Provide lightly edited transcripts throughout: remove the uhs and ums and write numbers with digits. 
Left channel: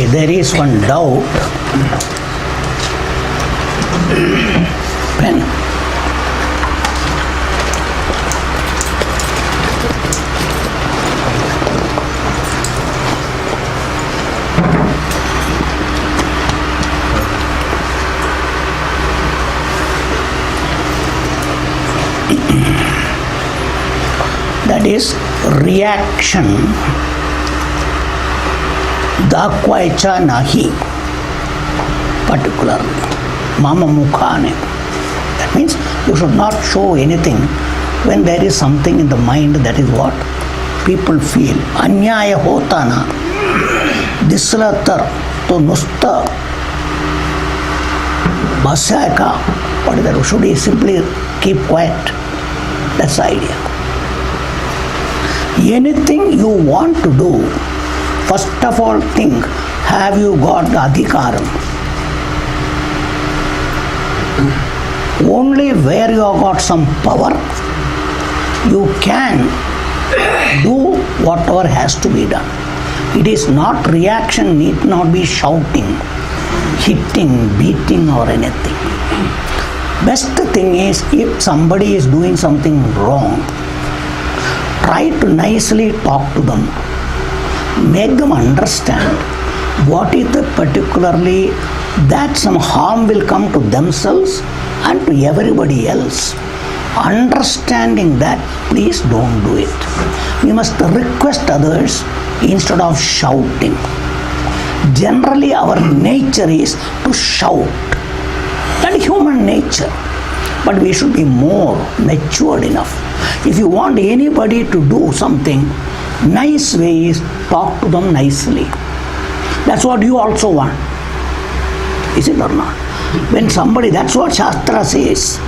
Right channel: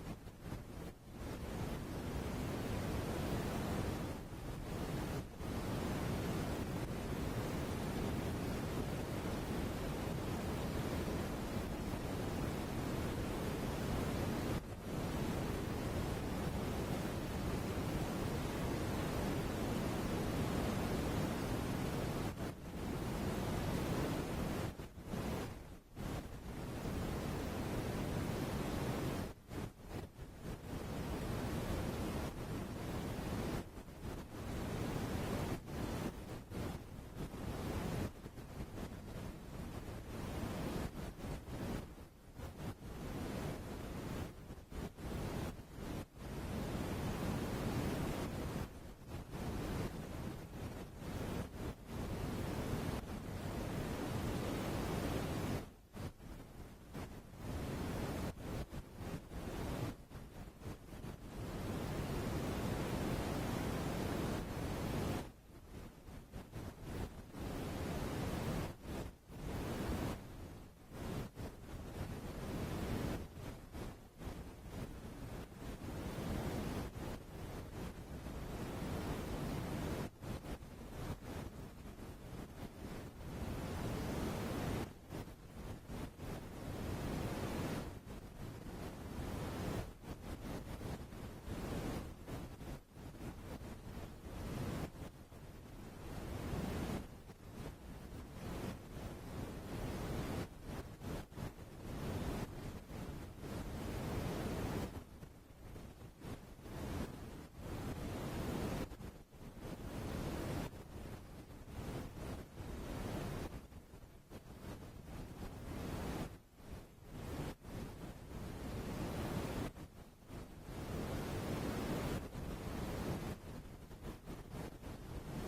If there is one doubt, pen. That is reaction. Dakvaicha nahi, particularly. Mama mukhane. That means you should not show anything when there is something in the mind. That is what people feel. Anyaya hota na. Dislatar to nusta. Basayaka. What is that? Should he simply keep quiet? That's the idea. Anything you want to do, first of all think, have you got the adhikaram? Only where you have got some power, you can do whatever has to be done. It is not reaction, need not be shouting, hitting, beating or anything. Best thing is, if somebody is doing something wrong, try to nicely talk to them. Make them understand what is the particularly that some harm will come to themselves and to everybody else. Understanding that, please don't do it. We must request others instead of shouting. Generally, our nature is to shout. That is human nature. But we should be more matured enough. If you want anybody to do something, nice way is talk to them nicely. That's what you also want. Is it or not? When somebody, that's what Shastra says.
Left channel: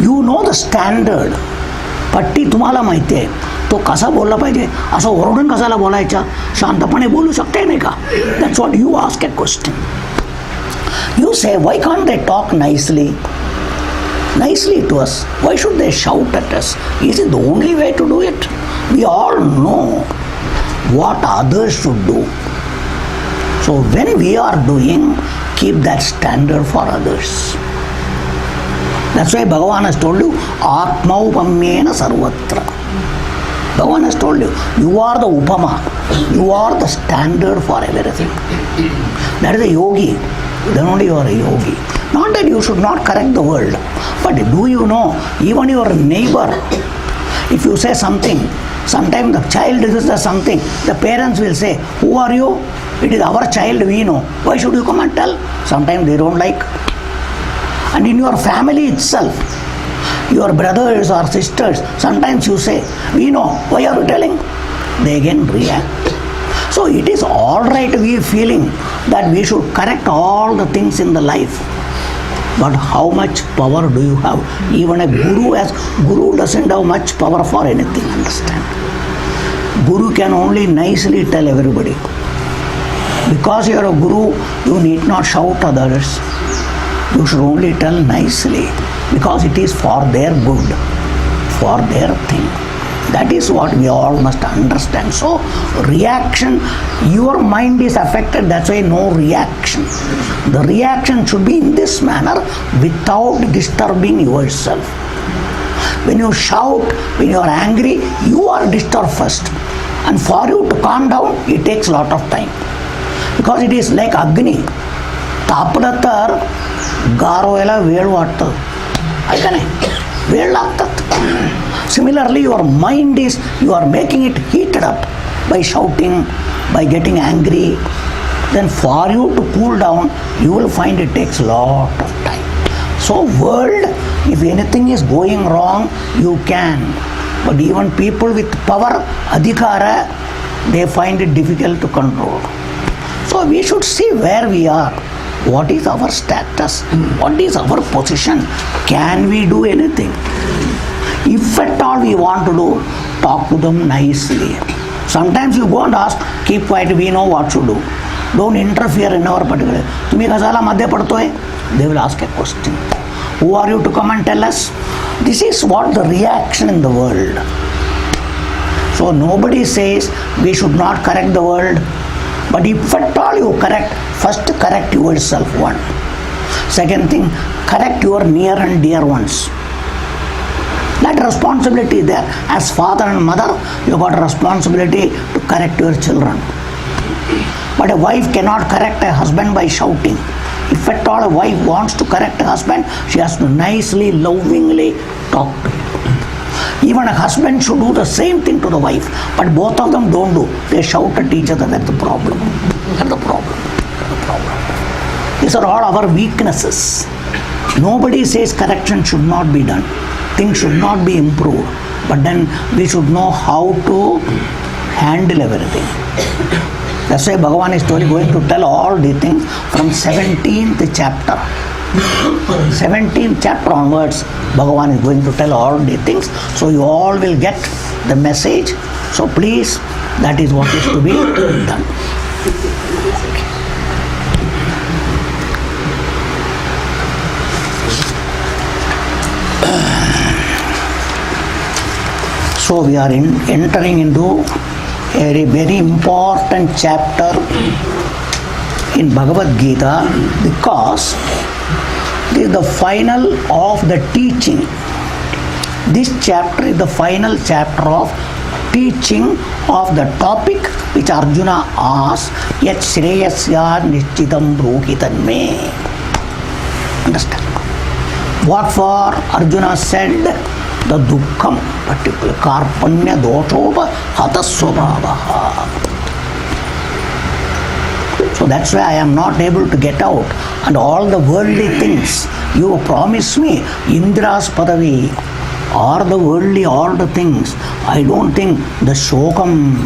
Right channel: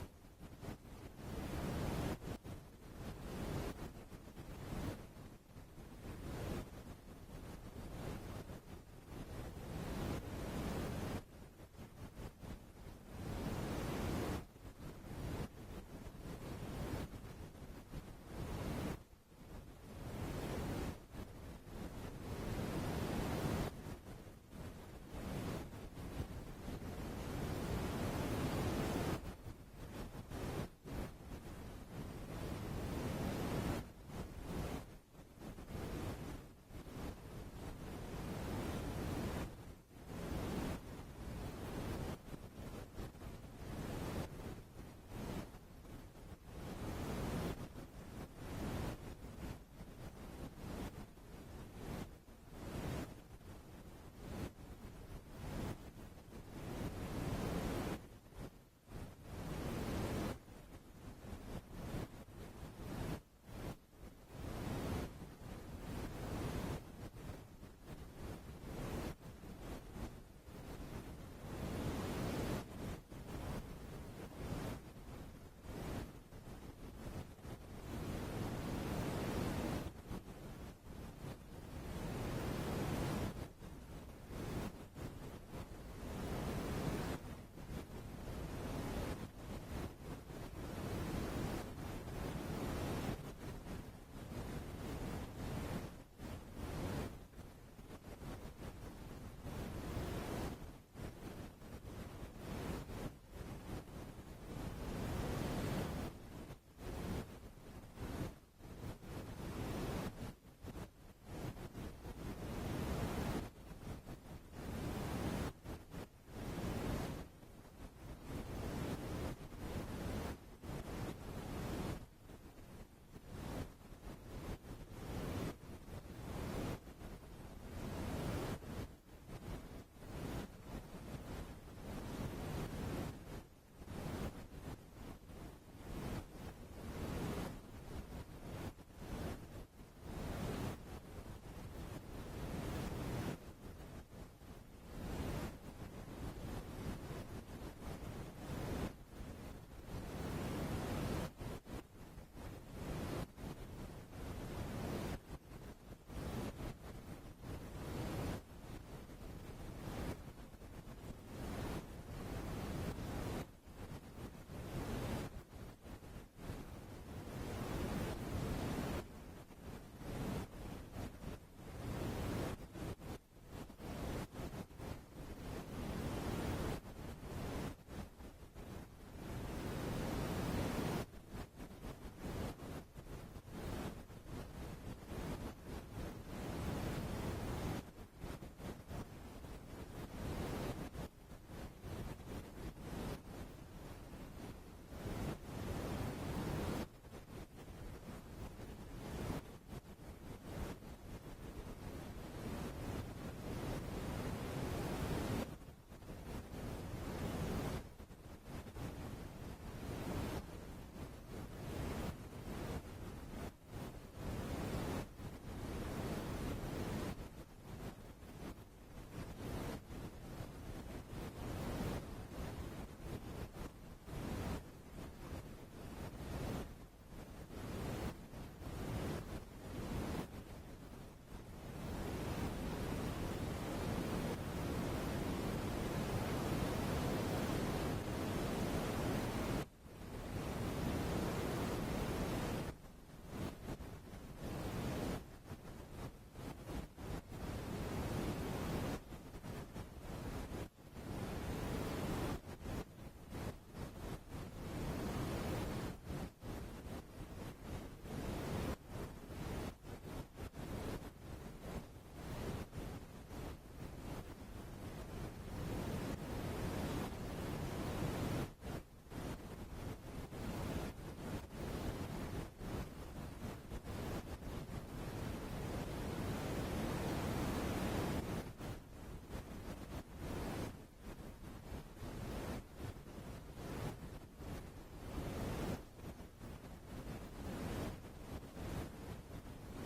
You know the standard. पट्टी तुम्हाला माहिती आहे, तो कसा बोलला पाहिजे, असं ओरडून कशाला बोलायचा, शांतपणे बोलू शकते नाही का? That's what you ask a question. You say, why can't they talk nicely to us? Why should they shout at us? Is it the only way to do it? We all know what others should do. So when we are doing, keep that standard for others. That's why Bhagavan has told you, Atma upamyena sarvatra. Bhagavan has told you, you are the upama. You are the standard for everything. That is a yogi. Then only you are a yogi. Not that you should not correct the world, but do you know, even your neighbor, if you say something, sometimes the child does something, the parents will say, who are you? It is our child, we know. Why should you come and tell? Sometimes they don't like. And in your family itself, your brothers or sisters, sometimes you say, we know, why are you telling? They again react. So it is all right, we feeling that we should correct all the things in the life. But how much power do you have? Even a guru doesn't have much power for anything, understand? Guru can only nicely tell everybody. Because you are a guru, you need not shout others. You should only tell nicely, because it is for their good, for their thing. That is what we all must understand. So, reaction, your mind is affected, that's why no reaction. The reaction should be in this manner without disturbing yourself. When you shout, when you are angry, you are disturbed first. And for you to calm down, it takes a lot of time. Because it is like Agni. Tapalatar, garo ela velu vattadu. Aikane, velu agtadu. Similarly, your mind is, you are making it heated up by shouting, by getting angry. Then for you to cool down, you will find it takes a lot of time. So world, if anything is going wrong, you can. But even people with power, adhikara, they find it difficult to control. So we should see where we are. What is our status? What is our position? Can we do anything? If at all we want to do, talk to them nicely. Sometimes you go and ask, keep quiet, we know what to do. Don't interfere in our particular. Tumi kasala madhya padto hai? They will ask a question. Who are you to come and tell us? This is what the reaction in the world. So nobody says we should not correct the world. But if at all you correct, first correct yourself one. Second thing, correct your near and dear ones. That responsibility is there. As father and mother, you got a responsibility to correct your children. But a wife cannot correct a husband by shouting. If at all a wife wants to correct a husband, she has to nicely, lovingly talk to him. Even a husband should do the same thing to the wife, but both of them don't do. They shout at each other. That's the problem. That's the problem. The problem. These are all our weaknesses. Nobody says correction should not be done. Things should not be improved. But then we should know how to handle everything. That's why Bhagavan is going to tell all the things from 17th chapter. 17th chapter onwards, Bhagavan is going to tell all the things. So you all will get the message. So please, that is what is to be done. So we are entering into a very important chapter in Bhagavad Gita, because this is the final of the teaching. This chapter is the final chapter of teaching of the topic which Arjuna asked, Yat Shreyasya Nishchitam Bruhitan Me. Understand? What for Arjuna said? The Dukkham, particularly Karpanya Doshopa Hatasvabhavaha. So that's why I am not able to get out. And all the worldly things, you promise me, Indra's Padavi, or the worldly, all the things, I don't think the Shokam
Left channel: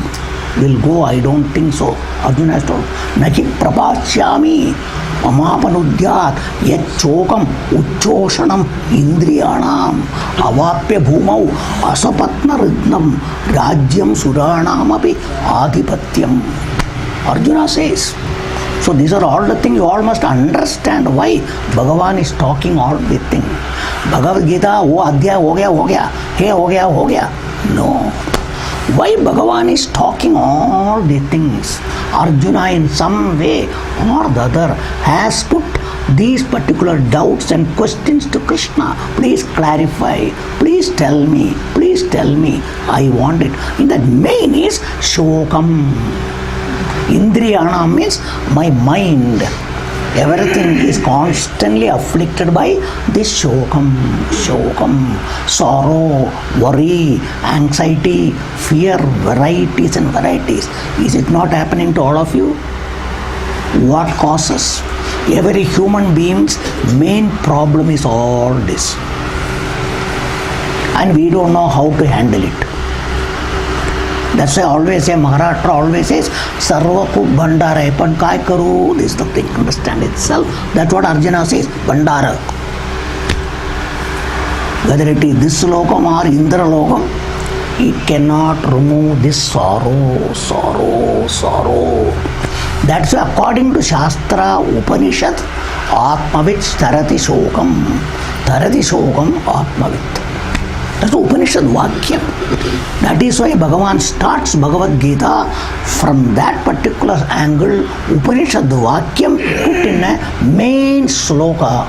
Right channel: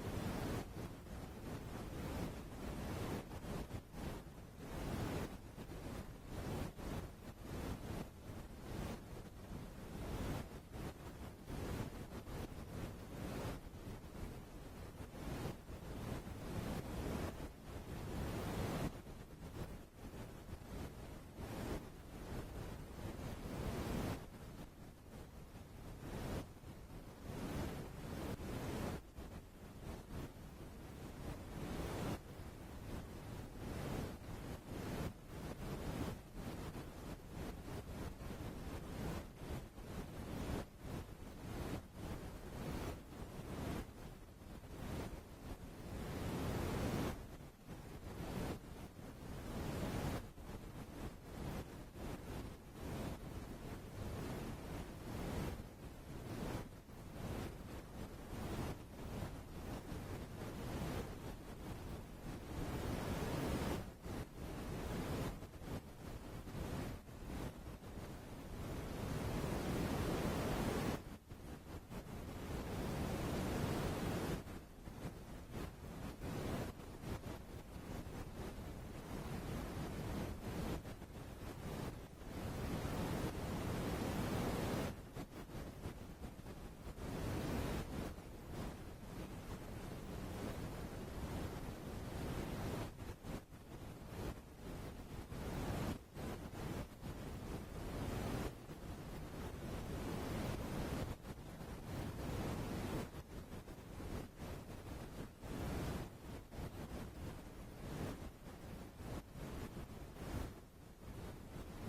will go, I don't think so. Arjuna has told, Naki Prabhashyami Amapanudyat Yat Chokam Uchoshanam Indriyanam Avapya Bhumau Asapatna Ridnam Rajyam Suranam Api Adhipatyam. Arjuna says. So these are all the things you all must understand why Bhagavan is talking all the things. Bhagavad Gita, wo adhyaya ho gaya, he ho gaya. No. Why Bhagavan is talking all the things? Arjuna in some way or the other has put these particular doubts and questions to Krishna. Please clarify. Please tell me. Please tell me. I want it. In that main is Shokam. Indriyana means my mind. Everything is constantly afflicted by this shokam, sorrow, worry, anxiety, fear, varieties and varieties. Is it not happening to all of you? What causes? Every human being's main problem is all this. And we don't know how to handle it. That's why I always say, Maharashtra always says, Sarva Kuk Bhandara, Epan Kai Karu, this is the thing, understand itself. That's what Arjuna says, Bhandara. Whether it is this lokam or Indra lokam, it cannot remove this sorrow. That's why according to Shastra, Upanishad, Atmavit Tarati Shokam Atmavit. That's the Upanishad Vakyam. That is why Bhagavan starts Bhagavad Gita from that particular angle. Upanishad Vakyam put in a main sloka.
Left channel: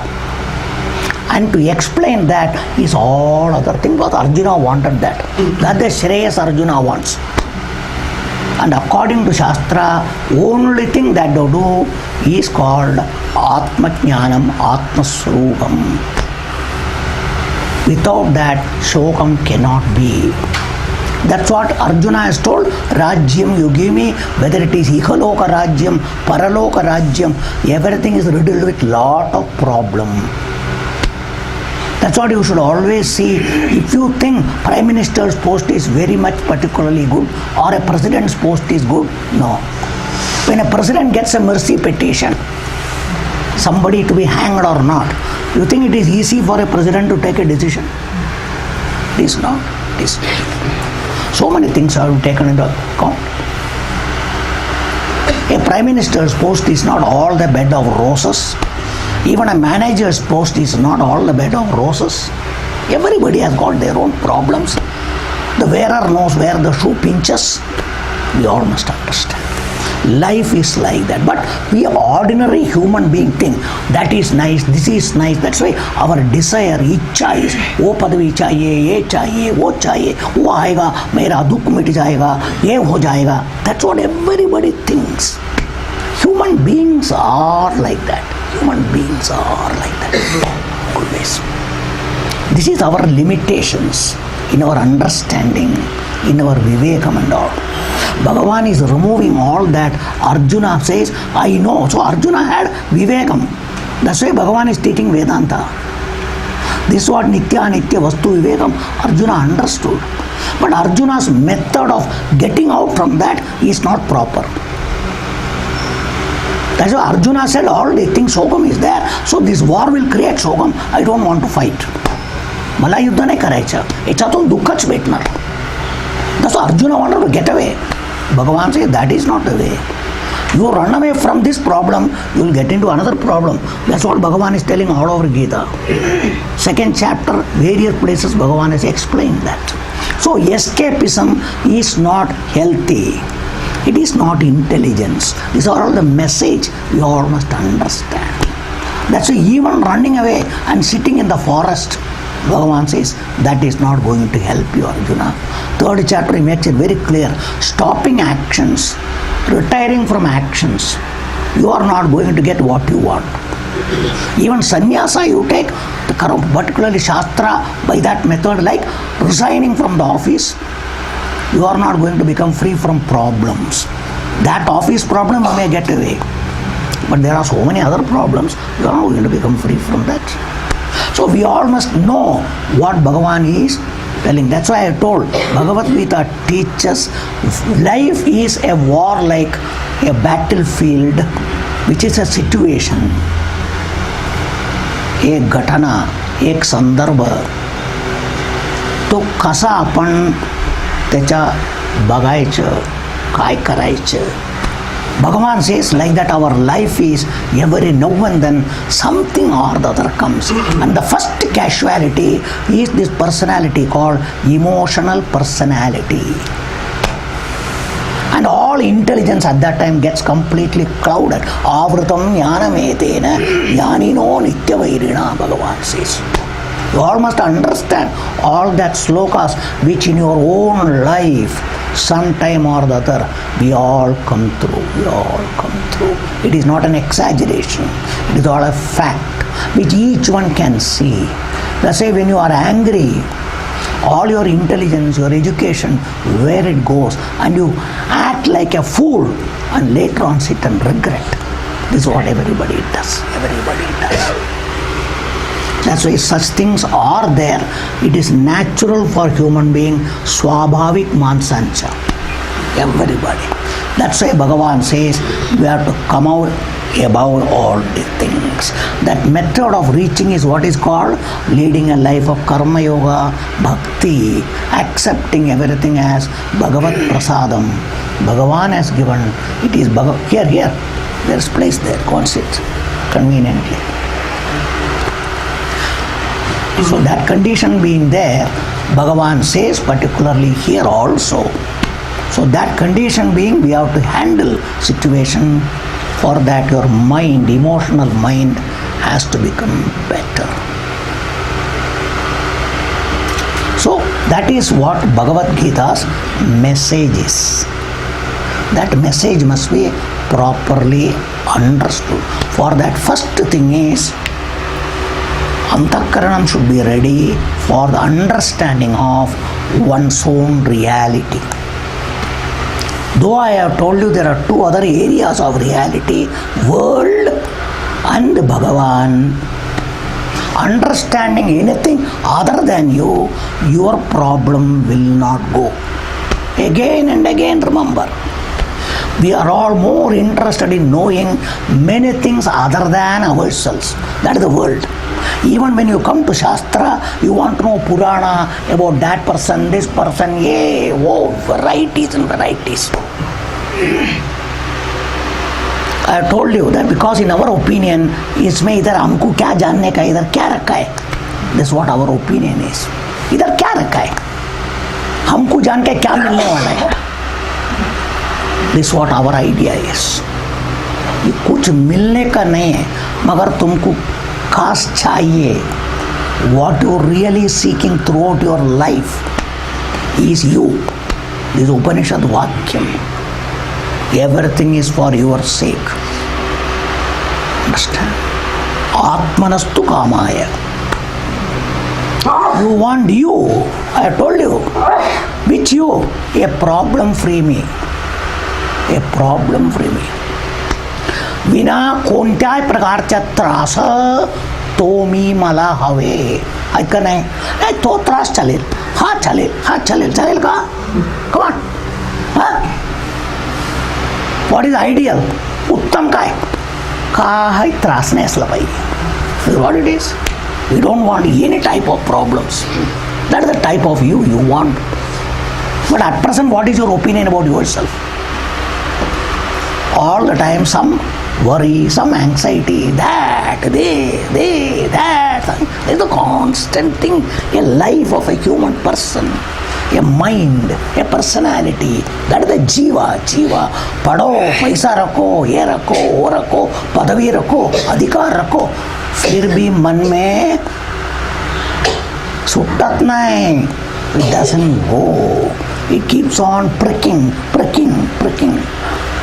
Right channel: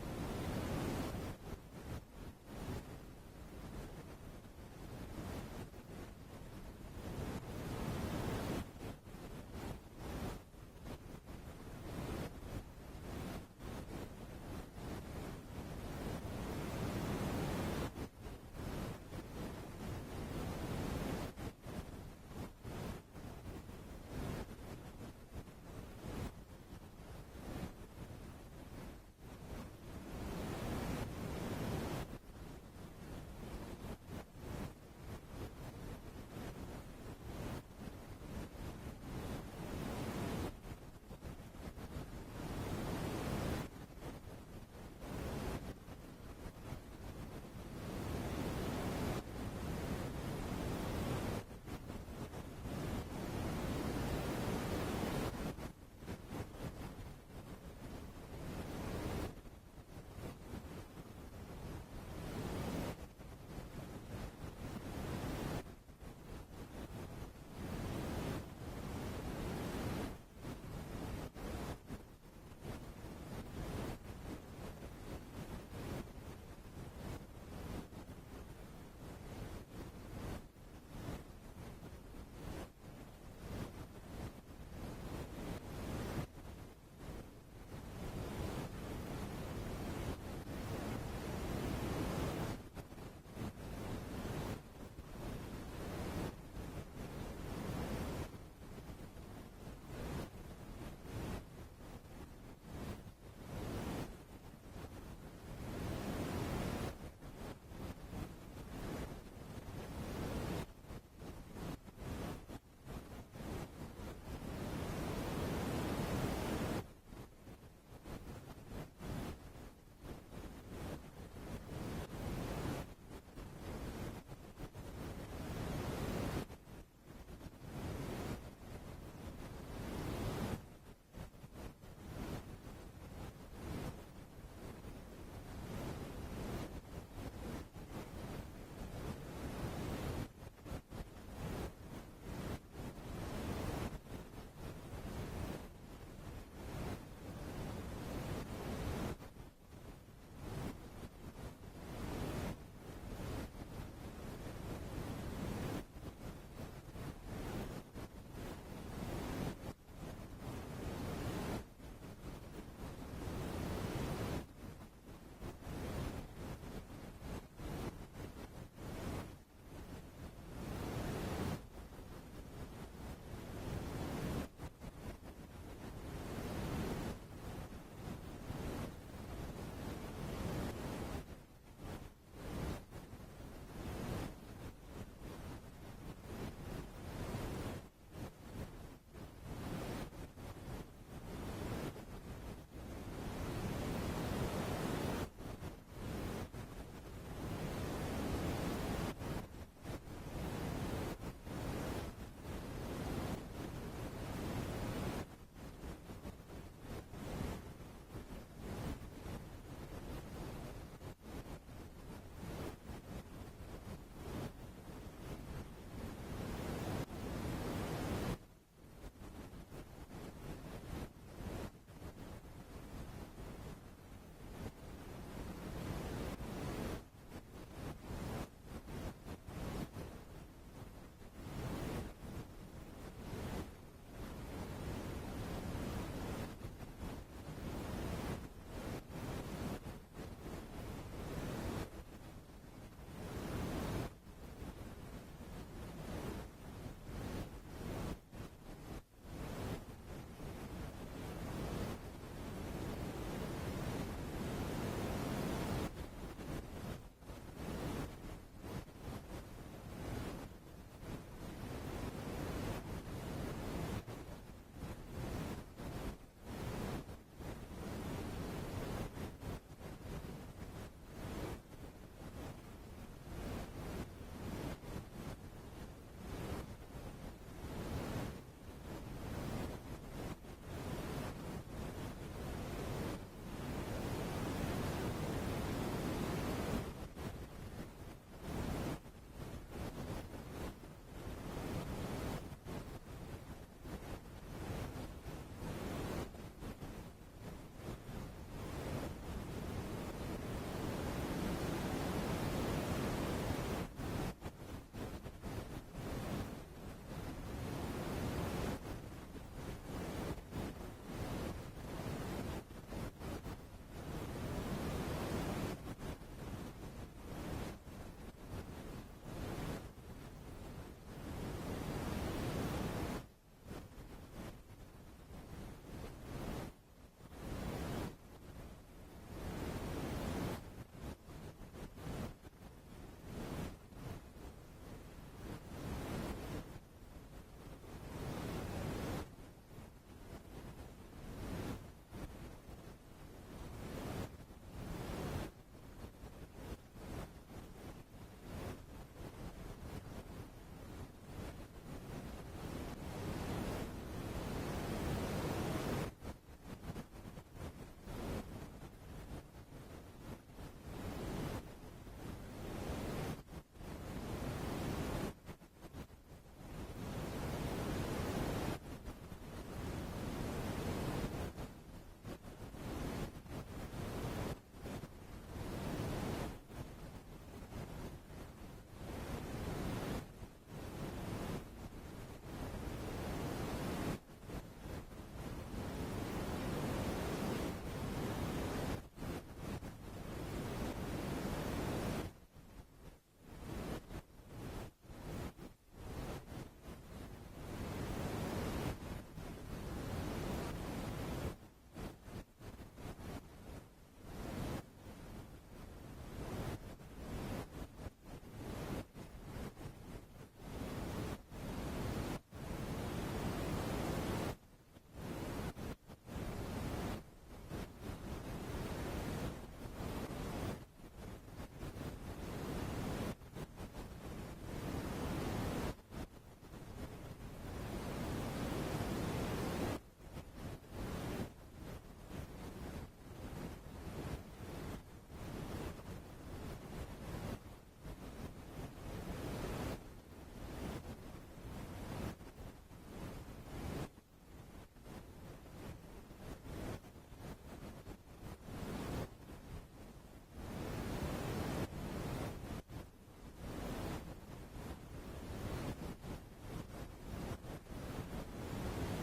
And to explain that is all other things. But Arjuna wanted that. That the Shreyas Arjuna wants. And according to Shastra, only thing that they do is called Atma Jnanam, Atma Swarupam. Without that, Shokam cannot be. That's what Arjuna has told. Rajyam, you give me, whether it is Ikaloka Rajyam, Paraloka Rajyam, everything is riddled with lot of problem. That's what you should always see. If you think Prime Minister's post is very much particularly good or a President's post is good, no. When a President gets a mercy petition, somebody to be hanged or not, you think it is easy for a President to take a decision? It is not. It is not. So many things are taken into account. A Prime Minister's post is not all the bed of roses. Even a manager's post is not all the bed of roses. Everybody has got their own problems. The wearer knows where the shoe pinches. We all must understand. Life is like that. But we ordinary human being think that is nice, this is nice. That's why our desire, इच्छा is वो पदवी चाहिए, ये चाहिए, वो चाहिए, वो आएगा, मेरा दुख मिट जाएगा, ये हो जाएगा. That's what everybody thinks. Human beings are like that. Human beings are like that. Always. This is our limitations in our understanding, in our vivekam and all. Bhagavan is removing all that. Arjuna says, I know. So Arjuna had vivekam. That's why Bhagavan is teaching Vedanta. This is what Nitya Nitya Vastu Vivekam Arjuna understood. But Arjuna's method of getting out from that is not proper. That's why Arjuna said all these things, Shokam is there. So this war will create Shokam. I don't want to fight. मला युद्ध नाही करायचं, याच्यातून दुःखच भेटणार. That's why Arjuna wanted to get away. Bhagavan says that is not the way. You run away from this problem, you will get into another problem. That's what Bhagavan is telling all over Gita. Second chapter, various places Bhagavan has explained that. So escapism is not healthy. It is not intelligence. These are all the message we all must understand. That's why even running away and sitting in the forest, Bhagavan says that is not going to help you, Arjuna. Third chapter he makes it very clear. Stopping actions, retiring from actions, you are not going to get what you want. Even sannyasa you take, particularly Shastra, by that method, like resigning from the office, you are not going to become free from problems. That office problem you may get away. But there are so many other problems, you are not going to become free from that. So we all must know what Bhagavan is telling. That's why I told Bhagavad Gita teaches life is a war like a battlefield, which is a situation, एक घटना, एक संदर्भ. तो कसा आपण त्याच्या बघायचं, काय करायचं. Bhagavan says like that our life is every now and then something or the other comes. And the first casualty is this personality called emotional personality. And all intelligence at that time gets completely clouded. Avritam jnanametena jnanino nityavairina, Bhagavan says. You all must understand all that slokas which in your own life sometime or the other we all come through. We all come through. It is not an exaggeration. It is all a fact which each one can see. Let's say when you are angry, all your intelligence, your education, where it goes, and you act like a fool and later on sit and regret. This is what everybody does. Everybody does. That's why such things are there. It is natural for human being, swabhavik mansancha. Everybody. That's why Bhagavan says we have to come out above all the things. That method of reaching is what is called leading a life of karma yoga, bhakti, accepting everything as Bhagavat prasadam. Bhagavan has given. It is here. There's place there. Go and sit conveniently. So that condition being there, Bhagavan says particularly here also. So that condition being, we have to handle situation. For that your mind, emotional mind has to become better. So that is what Bhagavad Gita's message is. That message must be properly understood. For that first thing is, Antakaranam should be ready for the understanding of one's own reality. Though I have told you there are two other areas of reality, world and Bhagavan. Understanding anything other than you, your problem will not go. Again and again remember, we are all more interested in knowing many things other than ourselves. That is the world. Even when you come to Shastra, you want to know Purana about that person, this person, varieties and varieties. I have told you that because in our opinion, इसमें इधर हमको क्या जानने का, इधर क्या रखा है. That's what our opinion is. इधर क्या रखा है, हमको जान के क्या मिलने वाला है. This is what our idea is. ये कुछ मिलने का नहीं है, मगर तुमको खास चाहिए. What you really seeking throughout your life is you. This is Upanishad Vakyam. Everything is for your sake. Understand? Atmanastu kamaya. You want you. I told you. Which you? A problem-free me. A problem-free me. विना कोणत्याही प्रकारचा त्रास तो मी मला हवे. ऐका नाही, नाही तो त्रास चालेल, हा चालेल, हा चालेल, चालेल का? कमान. What is ideal? उत्तम काय? काही त्रास नाही असला पाहिजे. What it is? We don't want any type of problems. That is the type of you want. But at present what is your opinion about your self? All the time some worry, some anxiety, that, that. It's a constant thing, a life of a human person, a mind, a personality. That is the jiva. पढ़ो, पैसा रखो, ये रखो, वो रखो, पदवी रखो, अधिकार रखो, फिर भी मन में सुटत नहीं. It doesn't go. It keeps on pricking.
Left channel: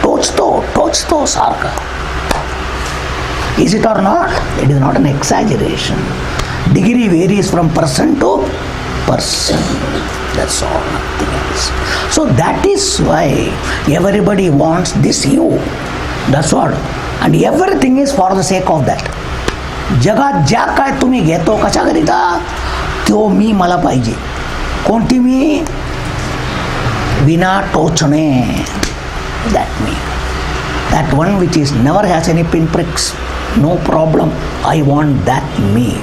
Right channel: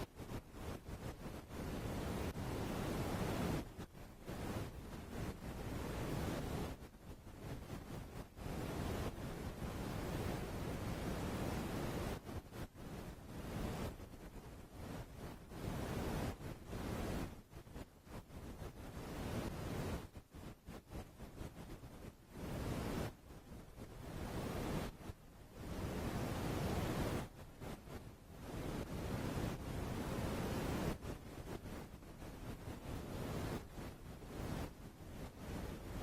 टोचतो सारखा. Is it or not? It is not an exaggeration. Degree varies from person to person. That's all, nothing else. So that is why everybody wants this you. That's what. And everything is for the sake of that. जगात ज्या काय तुम्ही घेतो कशाकरिता? तो मी मला पाहिजे. कोणती मी? विना टोचणे. That me. That one which is never has any pinpricks. No problem. I want that me.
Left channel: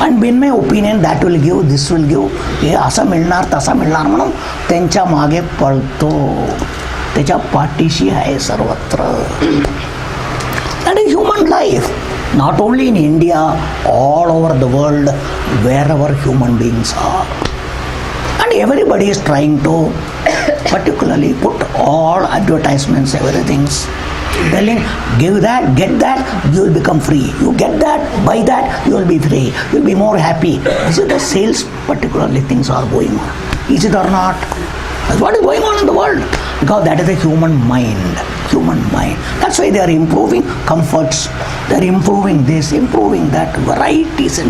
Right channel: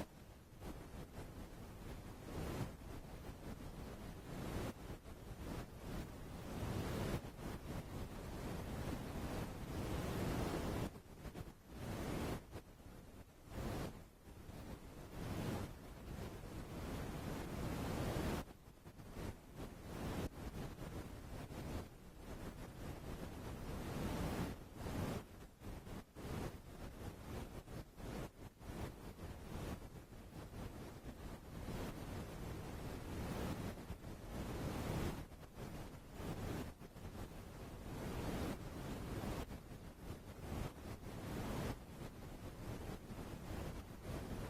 And in my opinion that will give, this will give. हे असं मिळणार तसं मिळणार म्हणून त्यांच्या मागे पळतो. त्याच्या पाठीशी आहे सर्वत्र. That is human life. Not only in India, all over the world, wherever human beings are. And everybody is trying to particularly put all advertisements, everything, telling give that, get that, you will become free. You get that, buy that, you will be free. You will be more happy. Is it the sales particularly things are going on? Is it or not? That's what is going on in the world. Because that is the human mind. That's why they are improving comforts. They are improving this, improving that, varieties,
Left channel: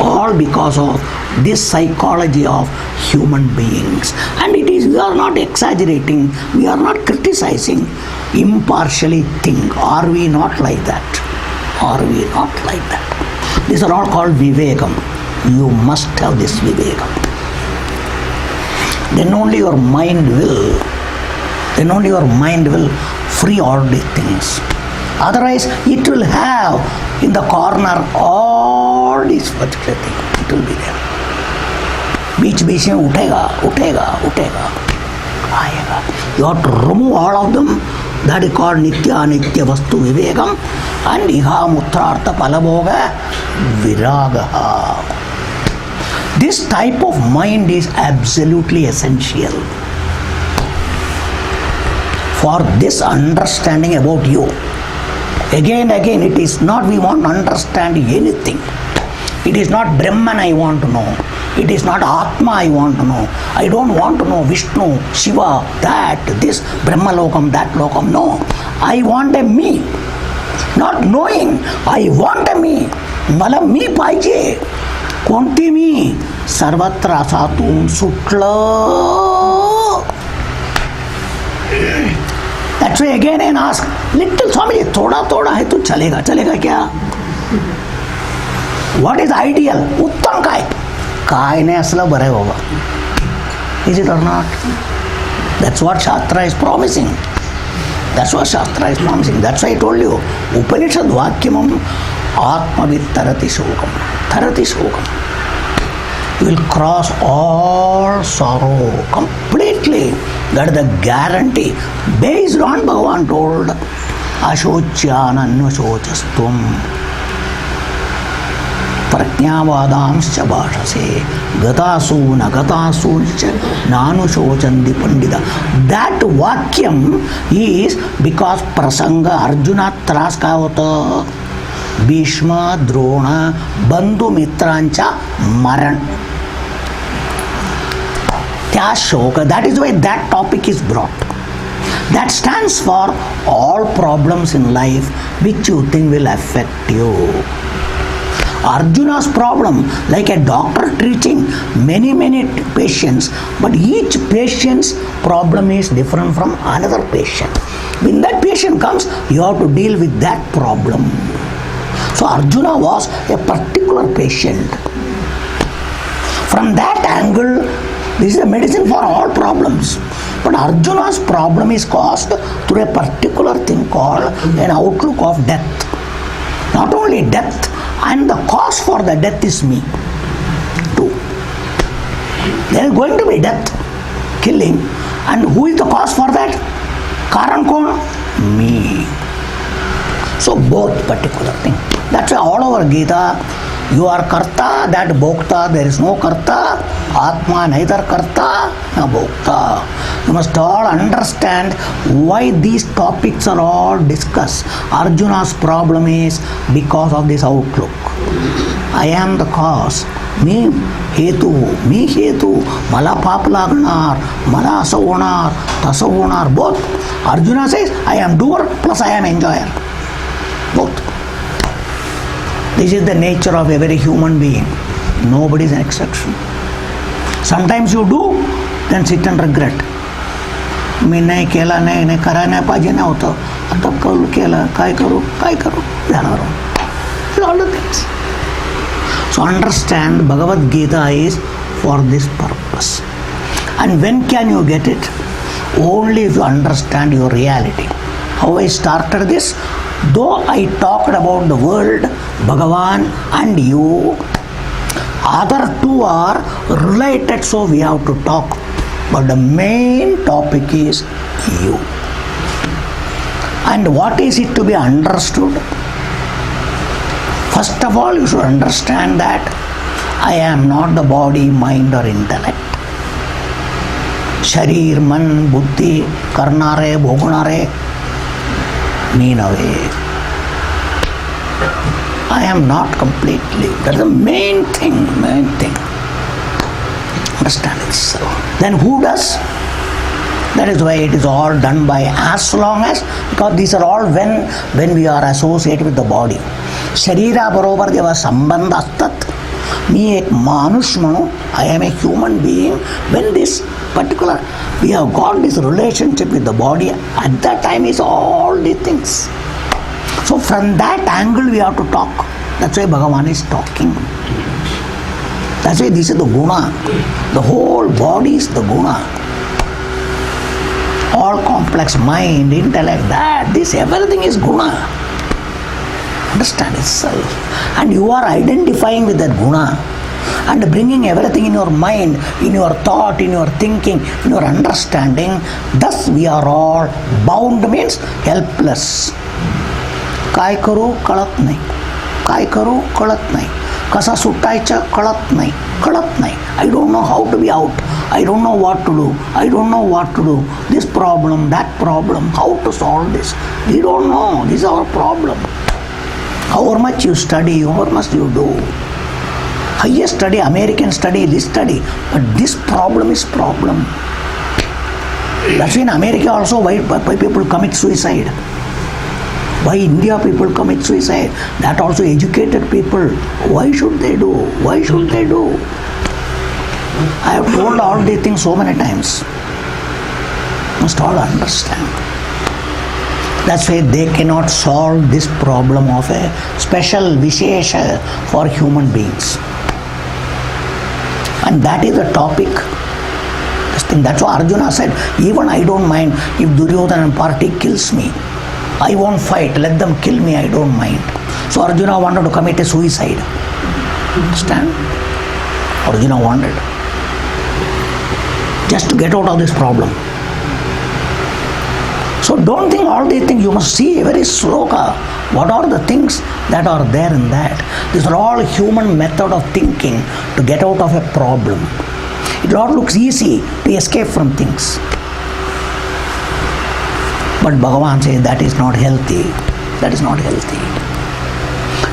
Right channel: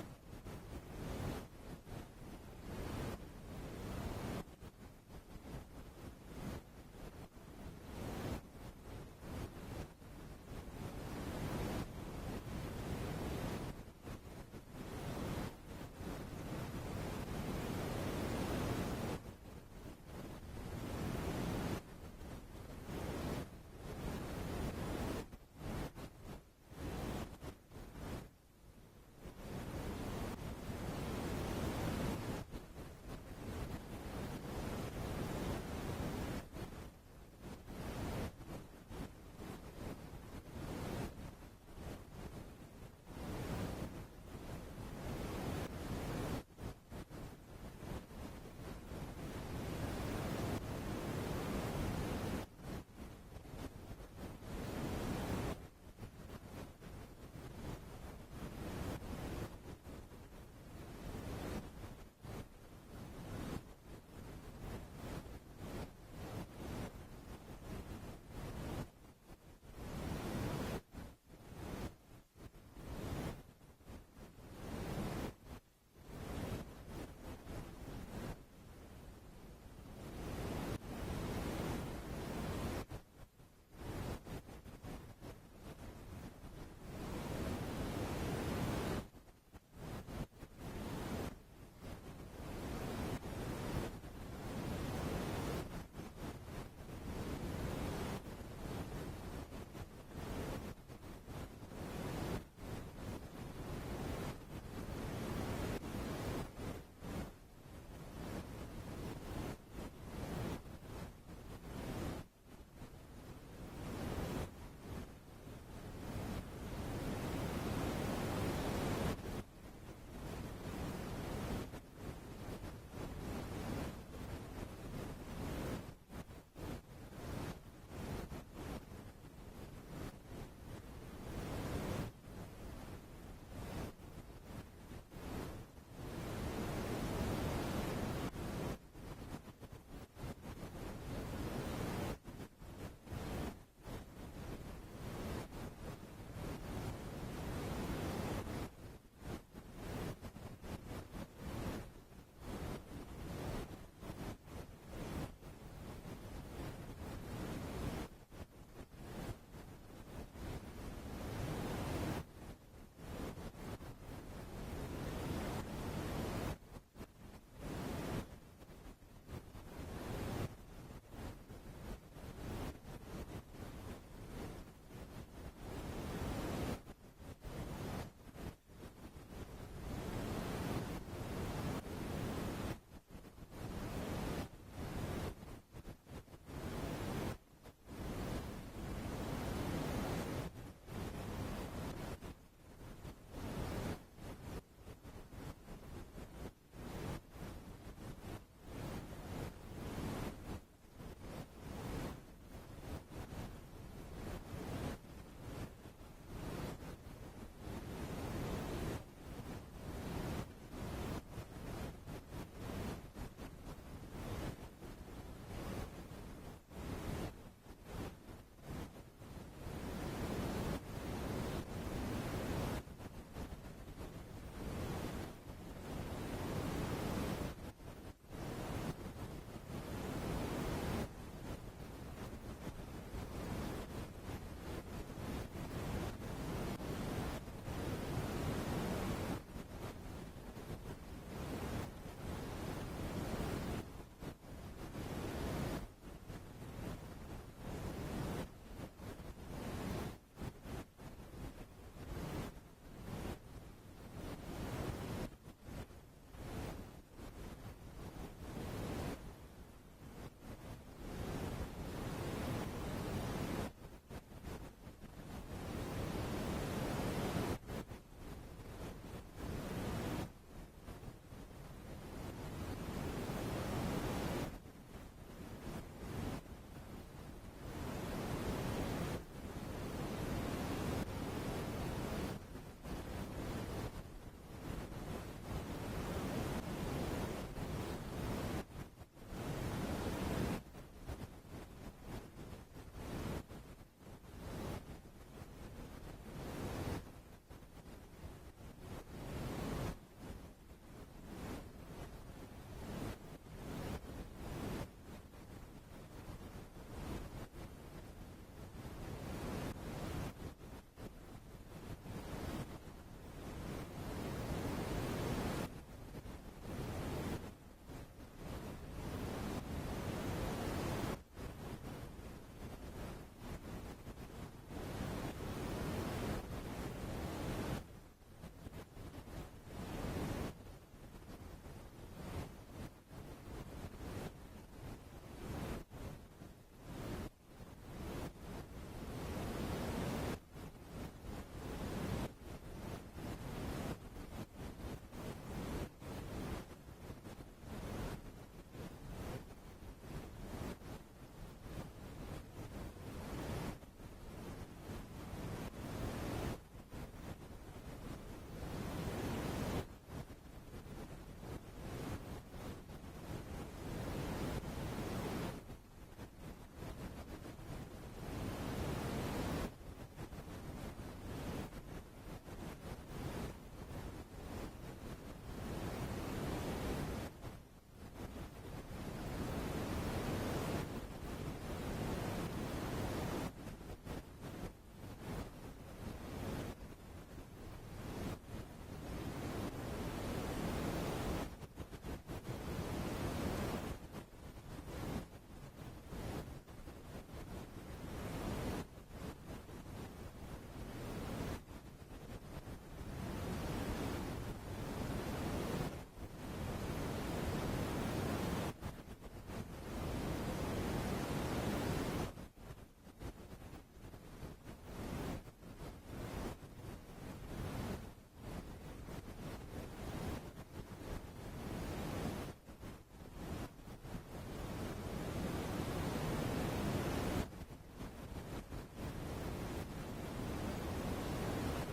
all because of this psychology of human beings. And it is, we are not exaggerating, we are not criticizing, impartially think. Are we not like that? These are all called vivekam. You must have this vivekam. Then only your mind will free all these things. Otherwise it will have in the corner all these particular things. It will be there. बीच में उठेगा आएगा. You have to remove all of them. That is called nitya anitya vastu vivekam. And iha mutrartha palabhoga viragaha. This type of mind is absolutely essential for this understanding about you. Again, it is not we want to understand anything. It is not Brahman I want to know. It is not Atma I want to know. I don't want to know Vishnu, Shiva, that, this, Brahma Lokam, that Lokam. No. I want a me. Not knowing. I want a me. मला मी पाहिजे. कोणती मी? सर्वत्र असातून सुटलं. That's why again I ask, little Swami, थोड़ा है तो चलेगा क्या? What is ideal? उत्तम काय नाही असलं बरं आहे बाबा. Is it or not? That's what Shastra is promising. That's why I told you, Upanishad Vakyamam Atmavid Tarati Shokam. You will cross all sorrow completely. That is the guarantee. Based on Bhagavan told, Ashochyana Nushochastum. For a ಜ್ಞಾವಾದಾಂಶ್ಚ ಭಾಷಸೆ ಗತಾಸು ನ ಗತಾಸೂಶ್ಚ ನಾನುಶೋಚಂತಿ ಪಂಡಿತ. That vakyam is because prasanga Arjuna त्रास काय होतं? भीष्म द्रोण बंधू मित्रांच्या मरण, त्या शोक. That is why that topic is brought. That stands for all problems in life which you think will affect you. Arjuna's problem, like a doctor treating many patients, but each patient's problem is different from another patient. When that patient comes, you have to deal with that problem. So Arjuna was a particular patient. From that angle, this is a medicine for all problems. But Arjuna's problem is caused through a particular thing called an outlook of death. Not only death, and the cause for the death is me too. There is going to be death, killing, and who is the cause for that? Karan kon? Me. So both particular thing. That's why all over Gita, you are karta, that bhokta, there is no karta. Atma neither karta nor bhokta. You must all understand why these topics are all discussed. Arjuna's problem is because of this outlook. I am the cause. मी हेतू, मला पाप लागणार, मला असं होणार, तसं होणार. Both. Arjuna says, I am doer plus I am enjoyer. Both. This is the nature of every human being. Nobody is an exception. Sometimes you do, then sit and regret. मी नाही केला, नाही करायला नाही पाहिजे नव्हतं, आता केलं, काय करू झालं. All the things. So understand, Bhagavad Gita is for this purpose. And when can you get it? Only if you understand your reality. How I started this? Though I talked about the world, Bhagavan and you, other two are related, so we have to talk. But the main topic is you. And what is it to be understood? First of all, you should understand that I am not the body, mind or intellect. Sharir, man, buddhi, karnare, bhogunare, me nave. I am not completely. That's the main thing. Understand it. So, then who does? That is why it is all done by as long as, because these are all when we are associated with the body. शरीरा बरोबर जेव्हा संबंध असतात, मी एक माणूस म्हणून, I am a human being. When this particular, we have got this relationship with the body, at that time is all these things. So from that angle we have to talk. That's why Bhagavan is talking. That's why this is the guna. The whole body is the guna. All complex mind, intellect, this everything is guna. Understand itself. And you are identifying with that guna and bringing everything in your mind, in your thought, in your thinking, in your understanding. Thus we are all bound, means helpless. काय करू कळत नाही, काय करू कळत नाही, कसा सुटायचं कळत नाही. I don't know how to be out. I don't know what to do. I don't know what to do. This problem, that problem, how to solve this. We don't know. This is our problem. However much you study, however much you do. Highest study, American study, this study. But this problem is problem. That's why in America also why people commit suicide. Why India people commit suicide? That also educated people. Why should they do? Why should they do? I have told all these things so many times. Must all understand. That's why they cannot solve this problem of a special vishesha for human beings. And that is the topic. That's why Arjuna said, even I don't mind if Duryodhana party kills me. I won't fight. Let them kill me. I don't mind. So Arjuna wanted to commit a suicide. Understand? Arjuna wanted. Just to get out of this problem. So don't think all these things. You must see every sloka. What are the things that are there in that? These are all human method of thinking to get out of a problem. It all looks easy to escape from things. But Bhagavan says that is not healthy. That is not healthy.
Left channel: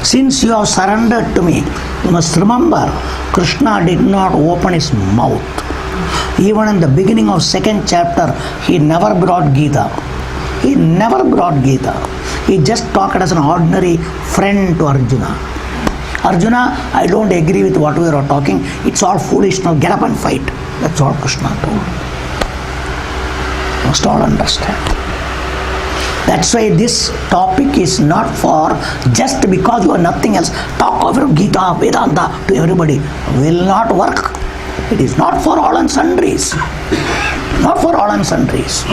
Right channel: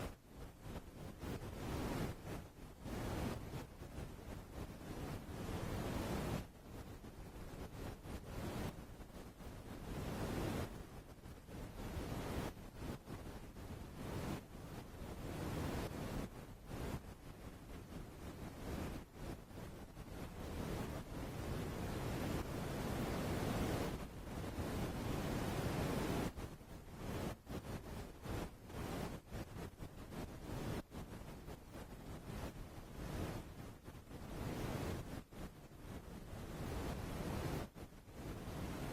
Since you have surrendered to me, you must remember, Krishna did not open his mouth. Even in the beginning of 2nd chapter, he never brought Gita. He never brought Gita. He just talked as an ordinary friend to Arjuna. Arjuna, I don't agree with what we are talking. It's all foolish. Now get up and fight. That's all Krishna told. You must all understand. That's why this topic is not for just because you are nothing else. Talk about Gita, Vedanta to everybody. Will not work. It is not for all and sundries. Not for all and sundries.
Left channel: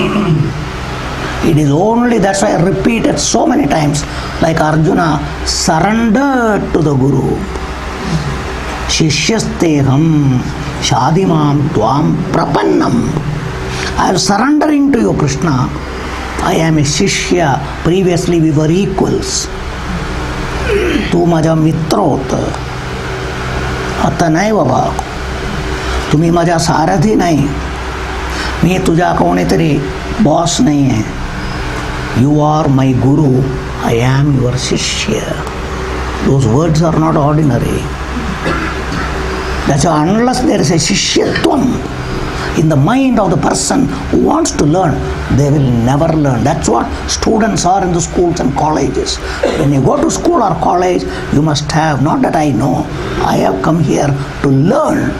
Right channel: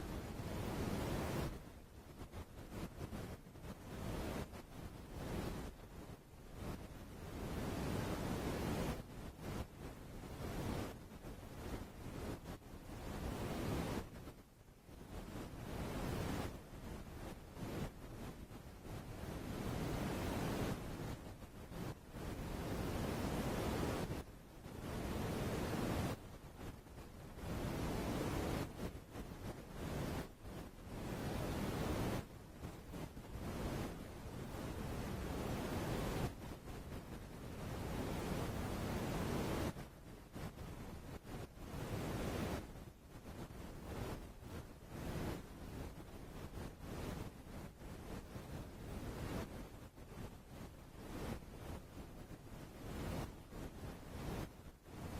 It is only, that's why I repeated so many times, like Arjuna surrendered to the Guru. Shishyasteham shadimam tvam prapannam. I am surrendering to you, Krishna. I am a Shishya. Previously we were equals. Tu maja mitrot. Ata nahi baba. तुम्ही माझा सारथी नाही. मी तुझा कोणीतरी boss नाही आहे. You are my guru. I am your Shishya. Those words are not ordinary. That's why unless there is a Shishyatvam in the mind of the person who wants to learn, they will never learn. That's what students are in the schools and colleges. When you go to school or college, you must have, not that I know, I have come here to learn,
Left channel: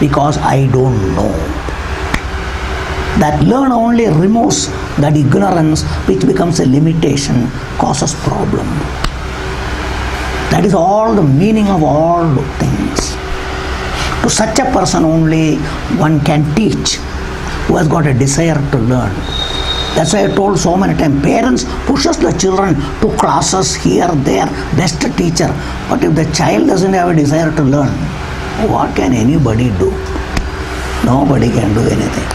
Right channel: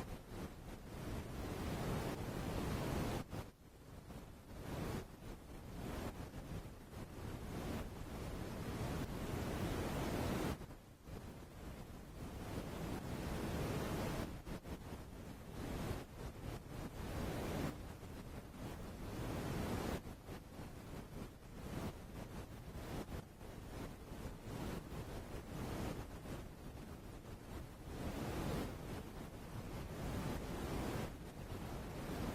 because I don't know. That learn only removes that ignorance which becomes a limitation, causes problem. That is all the meaning of all the things. To such a person only one can teach, who has got a desire to learn. That's why I told so many times, parents pushes the children to classes here, there, best teacher. But if the child doesn't have a desire to learn, what can anybody do? Nobody can do anything.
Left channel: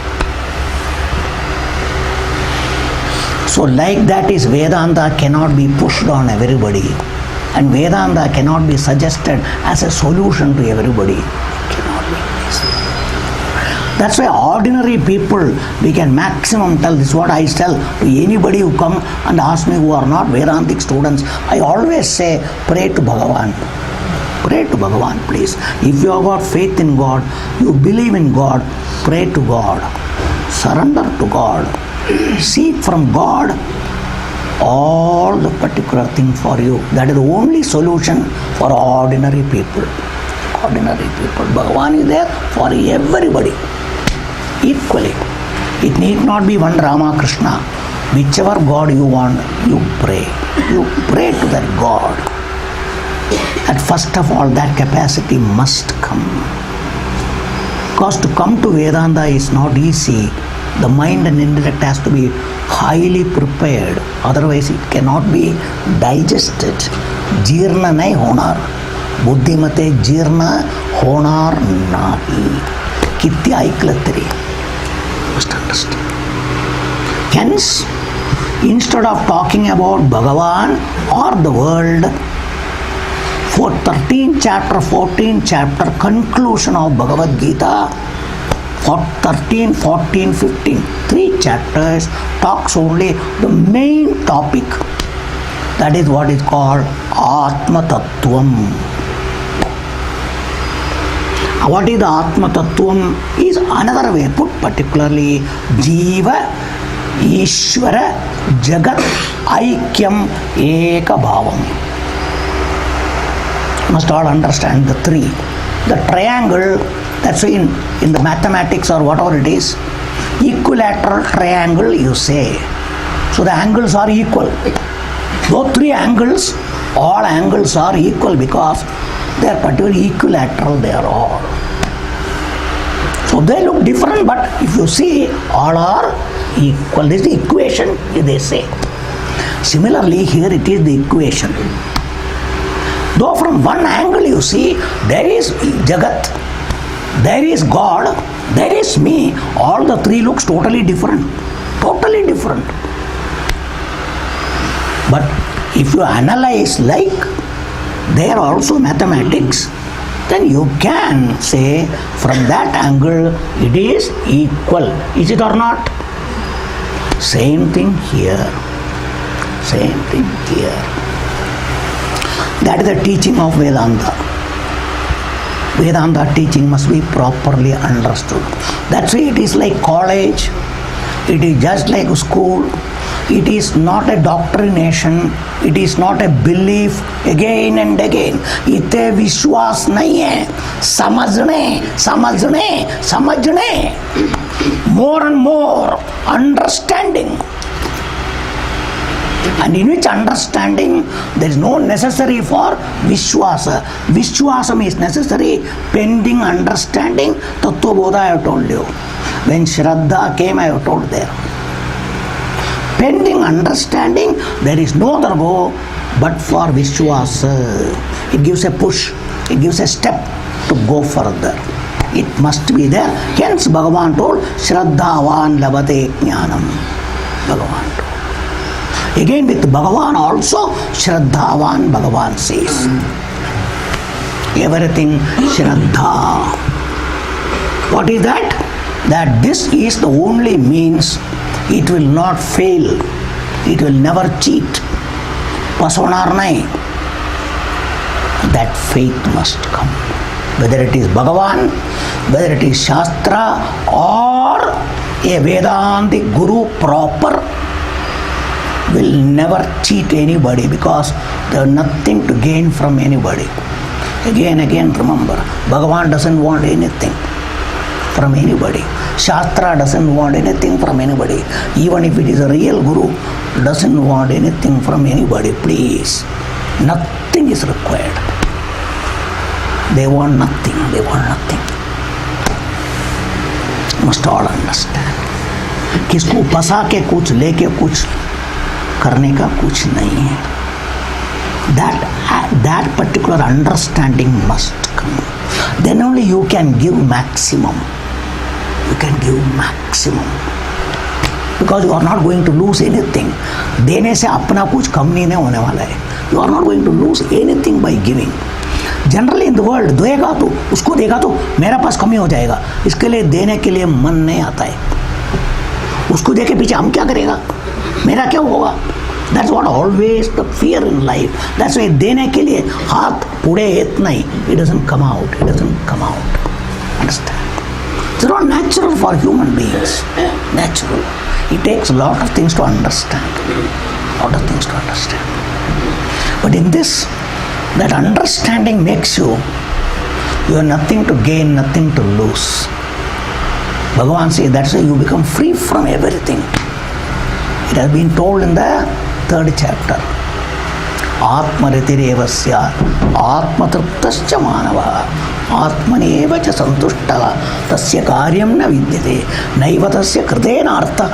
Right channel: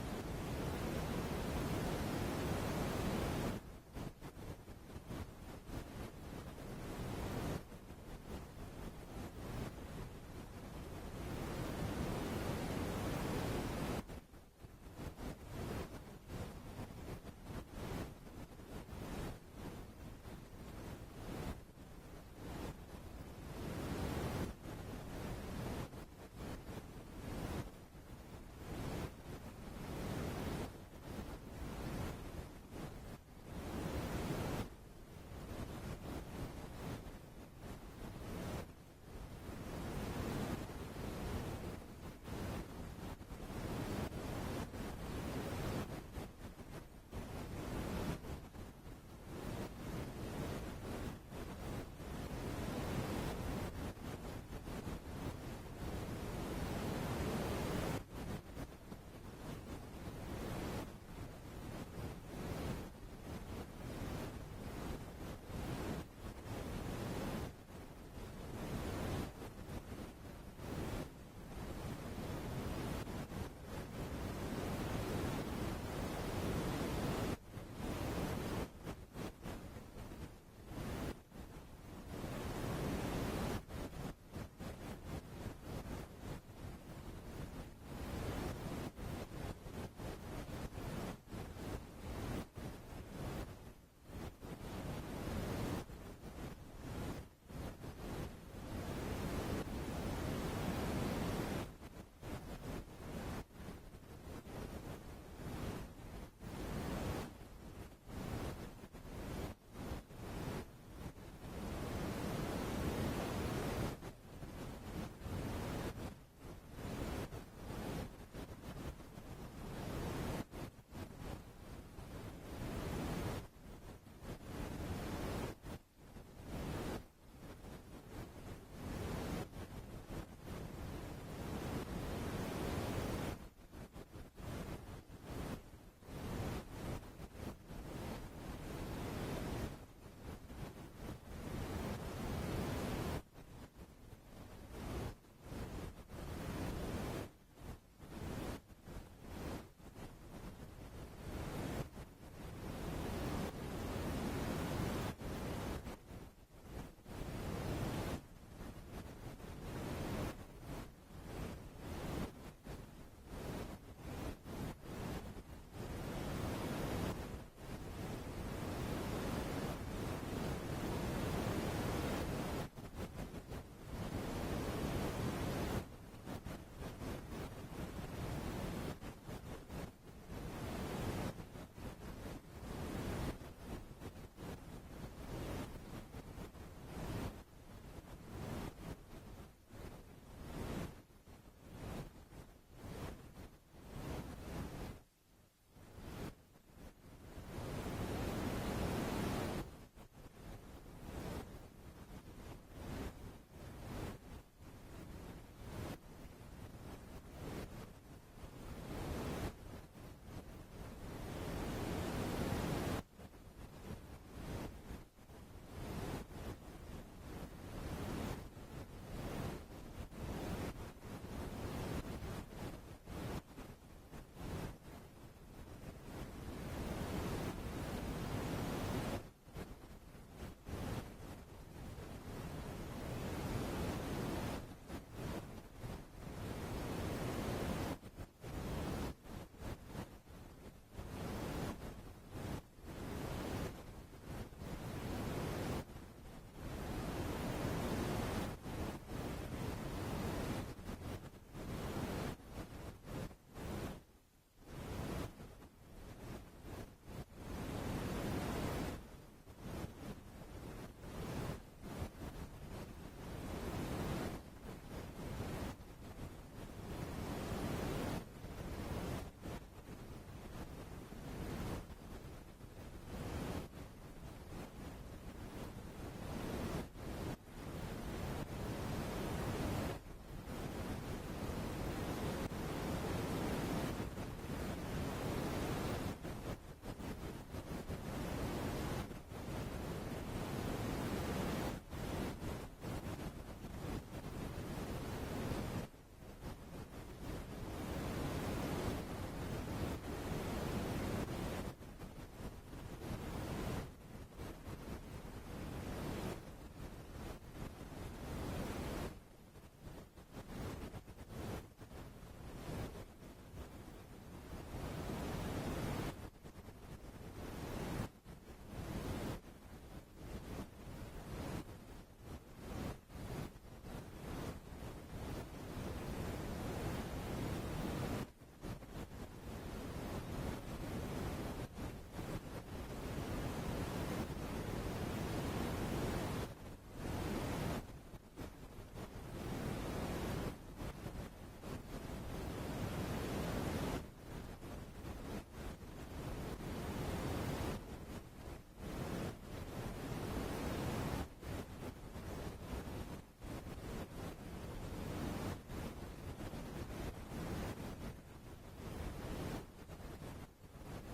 So like that is Vedanta cannot be pushed on everybody. And Vedanta cannot be suggested as a solution to everybody. That's why ordinary people, we can maximum tell, this is what I tell to anybody who come and ask me who are not Vedantic students. I always say, pray to Bhagavan. Pray to Bhagavan, please. If you have got faith in God, you believe in God, pray to God. Surrender to God. Seek from God all the particular thing for you. That is the only solution for ordinary people. Ordinary people. Bhagavan is there for everybody. Equally. It need not be one Rama, Krishna. Whichever God you want, you pray. You pray to that God. And first of all, that capacity must come. Because to come to Vedanta is not easy. The mind and intellect has to be highly prepared. Otherwise, it cannot be digested. Jirna nahi honar. Buddhimate jirna honar nahi. Kitya aiklatri. Must understand. Hence, instead of talking about Bhagavan or the world, for 13th chapter, 14th chapter, conclusion of Bhagavad Gita, for 13, 14, 15, 3 chapters talks only the main topic. That is what is called Atma Tattvam. What is the Atma Tattvam is another way put, particularly Jiva, Ishvara, Jagat, Aikyam, Eka Bhavam. Must all understand the three. The triangle, that's why in the mathematics or whatever it is, equilateral triangle you say. So the angles are equal. Those three angles, all angles are equal because they are particularly equilateral, they are all. So they look different, but if you see, all are equal. This is the equation, they say. Similarly, here it is the equation. Though from one angle you see, there is Jagat, there is God, there is me, all the three looks totally different. different. But if you analyze like there are also mathematics, then you can say from that angle it is equal. Is it or not? Same thing here. Same thing here. That is the teaching of Vedanta. Vedanta teaching must be properly understood. That's why it is like college. It is just like school. It is not a doctrination. It is not a belief again and again. इते विश्वास नहीं है. समझने, समझने, समझने. More and more understanding. And in which understanding there is no necessary for Vishwasa. Vishwasam is necessary pending understanding. Tattva Bodha I have told you. When Shraddha came I have told there. Pending understanding there is no other go but for Vishwasa. It gives a push. It gives a step to go further. It must be there. Hence Bhagavan told Shraddhavan labate jnanam. Bhagavan told. Again with Bhagavan also, Shraddhavan Bhagavan says. Everything Shraddha. What is that? That this is the only means. It will not fail. It will never cheat. Pasonar nahi. That faith must come. Whether it is Bhagavan, whether it is Shastra or a Vedantic Guru proper, will never cheat anybody because there is nothing to gain from anybody. Again remember, Bhagavan doesn't want anything from anybody. Shastra doesn't want anything from anybody. Even if it is a real Guru, doesn't want anything from anybody. Please, nothing is required. They want nothing. They want nothing. Must all understand. किसको फंसा के कुछ लेके कुछ करने का कुछ नहीं है. That particular understanding must come. Then only you can give maximum. You can give maximum. Because you are not going to lose anything. देने से अपना कुछ कम नहीं होने वाला है. You are not going to lose anything by giving. Generally in the world, देगा तो उसको देगा तो मेरा पास कमी हो जाएगा. इसके लिए देने के लिए मन नहीं आता है. उसको दे के पीछे हम क्या करेगा? मेरा क्या होगा? That's what always the fear in life. That's why देने के लिए हाथ पुड़े इतना ही. It doesn't come out. It doesn't come out. Understand? It's not natural for human beings. Natural. It takes a lot of things to understand. Lot of things to understand. But in this, that understanding makes you have nothing to gain, nothing to lose. Bhagavan says that's why you become free from everything. It has been told in the 3rd chapter. Atmaritirevasya atmatruptascha manava atmaneva cha santushta tasya karyam na vidyate naiva tasya kritena artha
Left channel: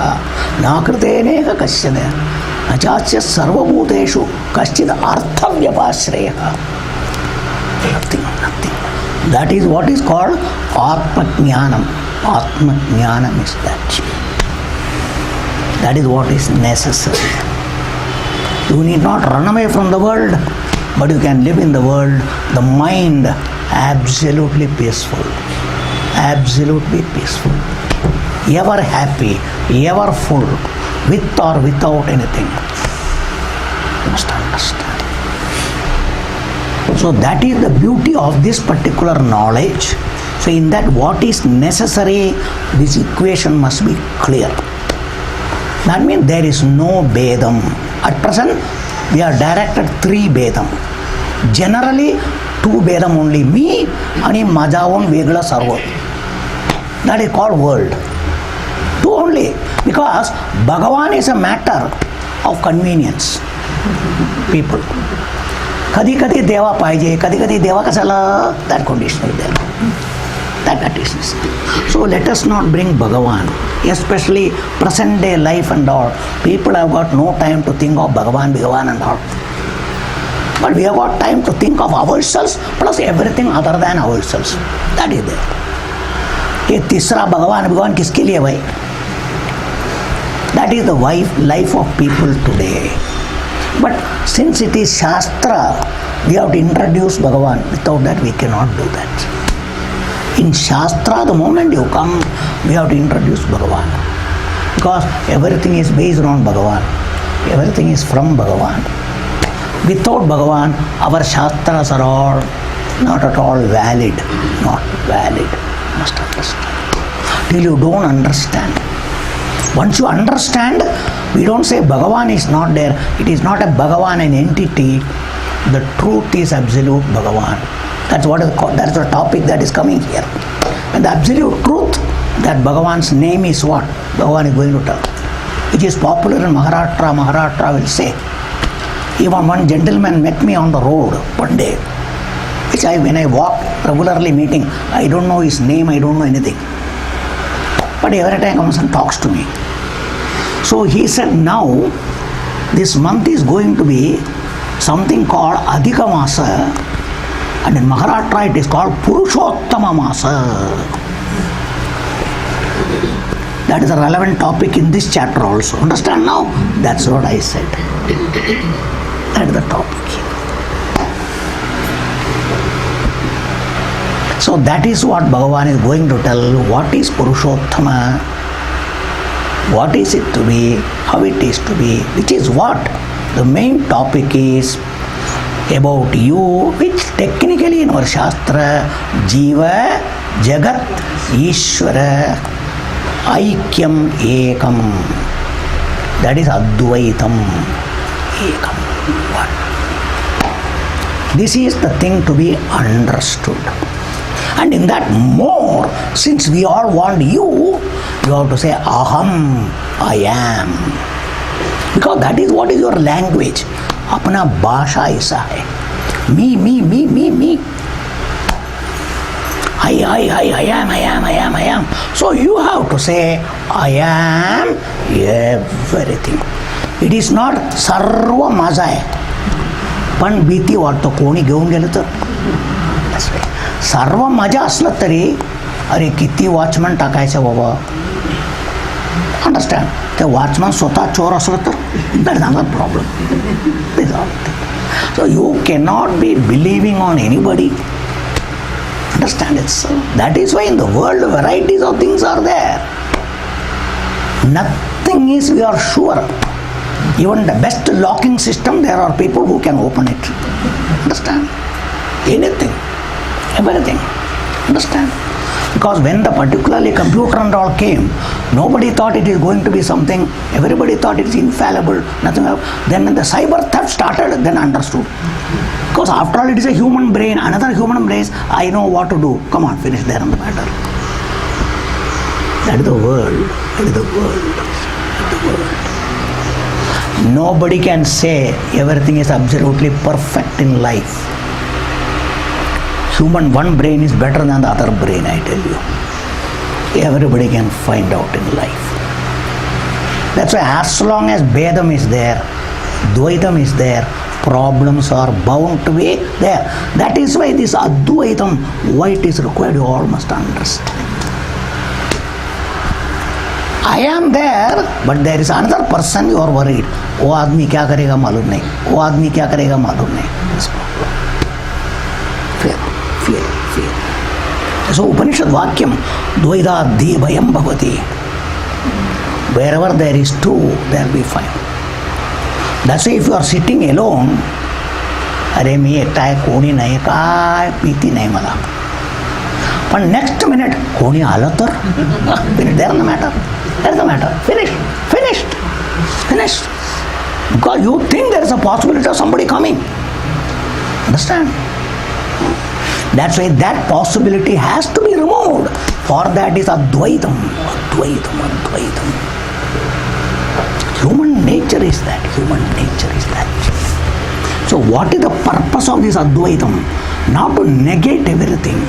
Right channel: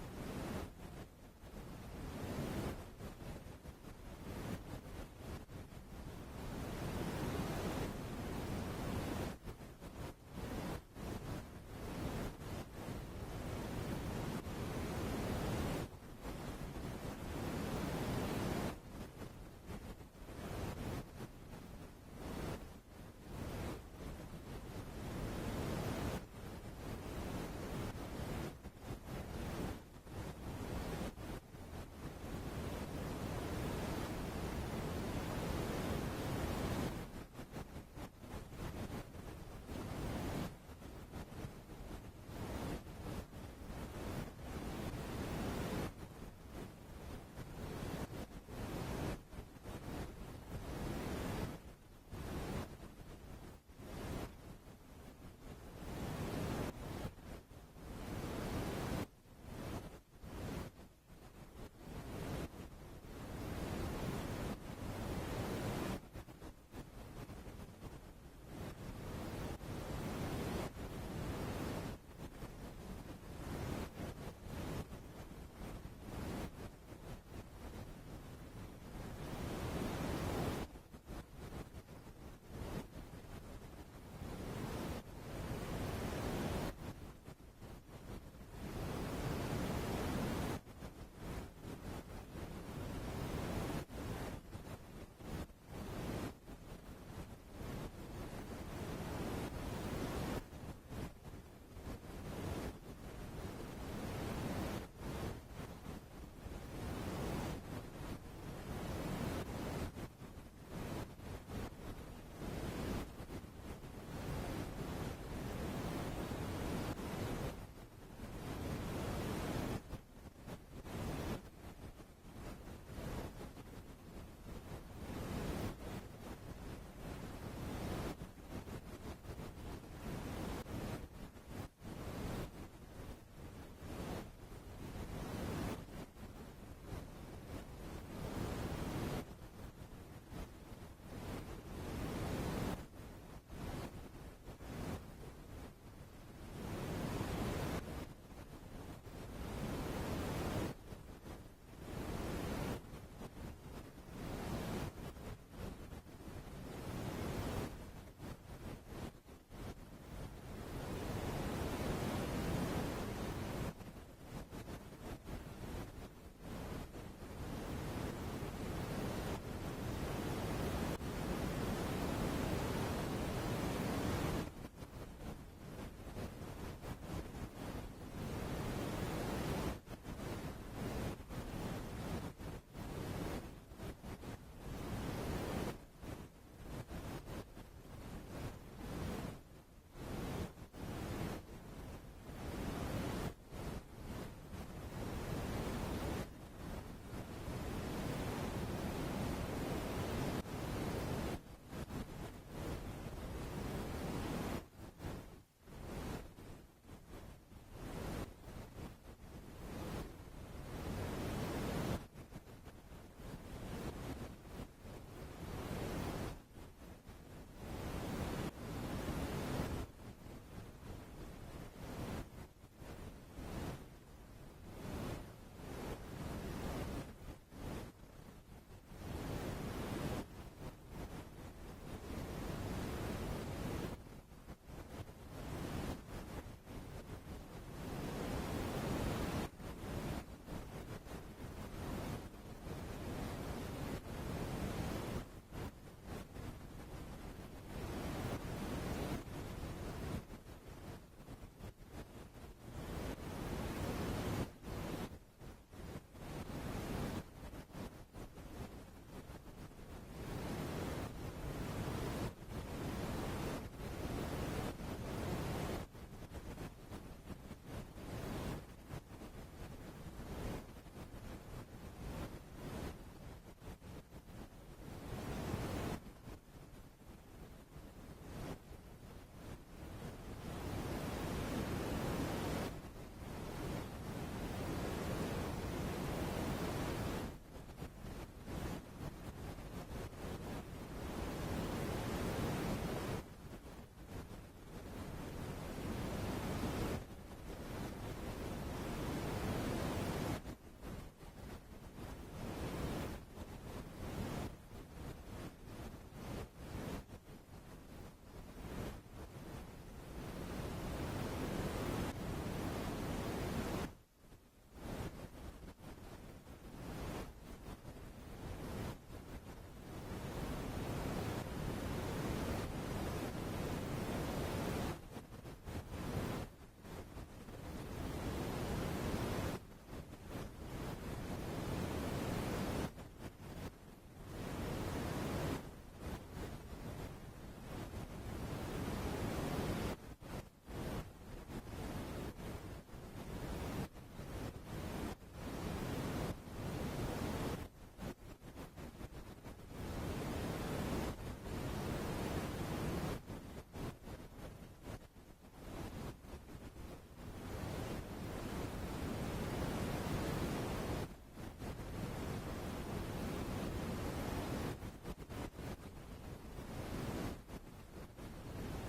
na kriteneka kasyana achachya sarvabhuteshu kaschid artha vyapashreya. Nothing. That is what is called Atmajnanam. Atmajnanam is that. That is what is necessary. You need not run away from the world, but you can live in the world, the mind absolutely peaceful. Absolutely peaceful. Ever happy, ever full, with or without anything. You must understand. So that is the beauty of this particular knowledge. So in that what is necessary, this equation must be clear. That means there is no Vedam. At present, we are directed 3 Vedam. Generally, 2 Vedam only. Me and Majavan Vegla Sarva. That is called world. 2 only. Because Bhagavan is a matter of convenience. People. Kadi Deva Paije, Kadi Deva Kasala, that condition is there. That is. So let us not bring Bhagavan, especially present day life and all. People have got no time to think of Bhagavan and all. But we have got time to think of ourselves plus everything other than ourselves. That is there. ये तीसरा भगवान किसके लिए भाई? That is the life of people today. But since it is Shastra, we have to introduce Bhagavan. Without that, we cannot do that. In Shastra, the moment you come, we have to introduce Bhagavan. Because everything is based on Bhagavan. Everything is from Bhagavan. Without Bhagavan, our Shastras are all not at all valid. Not valid. You must understand. Till you don't understand. Once you understand, we don't say Bhagavan is not there. It is not a Bhagavan, an entity. The truth is absolute Bhagavan. That's what is called. That's the topic that is coming here. And the absolute truth, that Bhagavan's name is what? Bhagavan is going to tell. Which is popular in Maharashtra. Maharashtra will say. Even one gentleman met me on the road one day. Which when I walk regularly meeting, I don't know his name, I don't know anything. But every time comes and talks to me. So he said, now this month is going to be something called Adhika Masa, and in Maharashtra it is called Purushottama Masa. That is a relevant topic in this chapter also. Understand now? That's what I said. That is the topic. So that is what Bhagavan is going to tell. What is Purushottama? What is it to be? How it is to be? Which is what? The main topic is about you, which technically in our Shastra, Jiva, Jagat, Ishvara, Aikyam, Ekam. That is Advaitam, Ekam. One. This is the thing to be understood. And in that more, since we all want you have to say Aham, I am. Because that is what is your language. Apna bhasha isa hai. Me. I am. So you have to say, I am everything. It is not sarva maza hai. Pan biti varto koni घेऊन गेलं तर. That's right. सर्व मजा असलं तरी अरे किती watchman टाकायचं बाबा. Understand. ते वॉचमन स्वतः चोर असलं तर that is another problem. So you cannot be believing on anybody. Understand it, so that is why in the world varieties of things are there. Nothing is, we are sure. Even the best locking system, there are people who can open it. Understand? Anything, everything. Understand? Because when the particularly computer and all came, nobody thought it is going to be something. Everybody thought it is infallible. Nothing else. Then when the cyber theft started, then understood. Because after all, it is a human brain, another human brain. I know what to do. Come on, finish there on the matter. That is the world. That is the world. That is the world. Nobody can say everything is absolutely perfect in life. Human one brain is better than the other brain, I tell you. Everybody can find out in life. That's why as long as Vedam is there, Dvaitam is there, problems are bound to be there. That is why this Advaitam, why it is required, you all must understand. I am there, but there is another person you are worried. वो आदमी क्या करेगा मालूम नहीं. वो आदमी क्या करेगा मालूम नहीं. Fear. So Upanishad Vakyam, Dvaida Bhayam Bhavati. Wherever there is two, there will be fire. That's why if you are sitting alone, अरे मी एकटा आहे, कोणी नाही, काय भीती नाही मला. पण next minute कोणी आलं तर there is the matter. There is the matter. Finished. Because you think there is a possibility of somebody coming. Understand? That's why that possibility has to be removed. For that is Advaitam. Human nature is that. So what is the purpose of this Advaitam? Not to negate everything.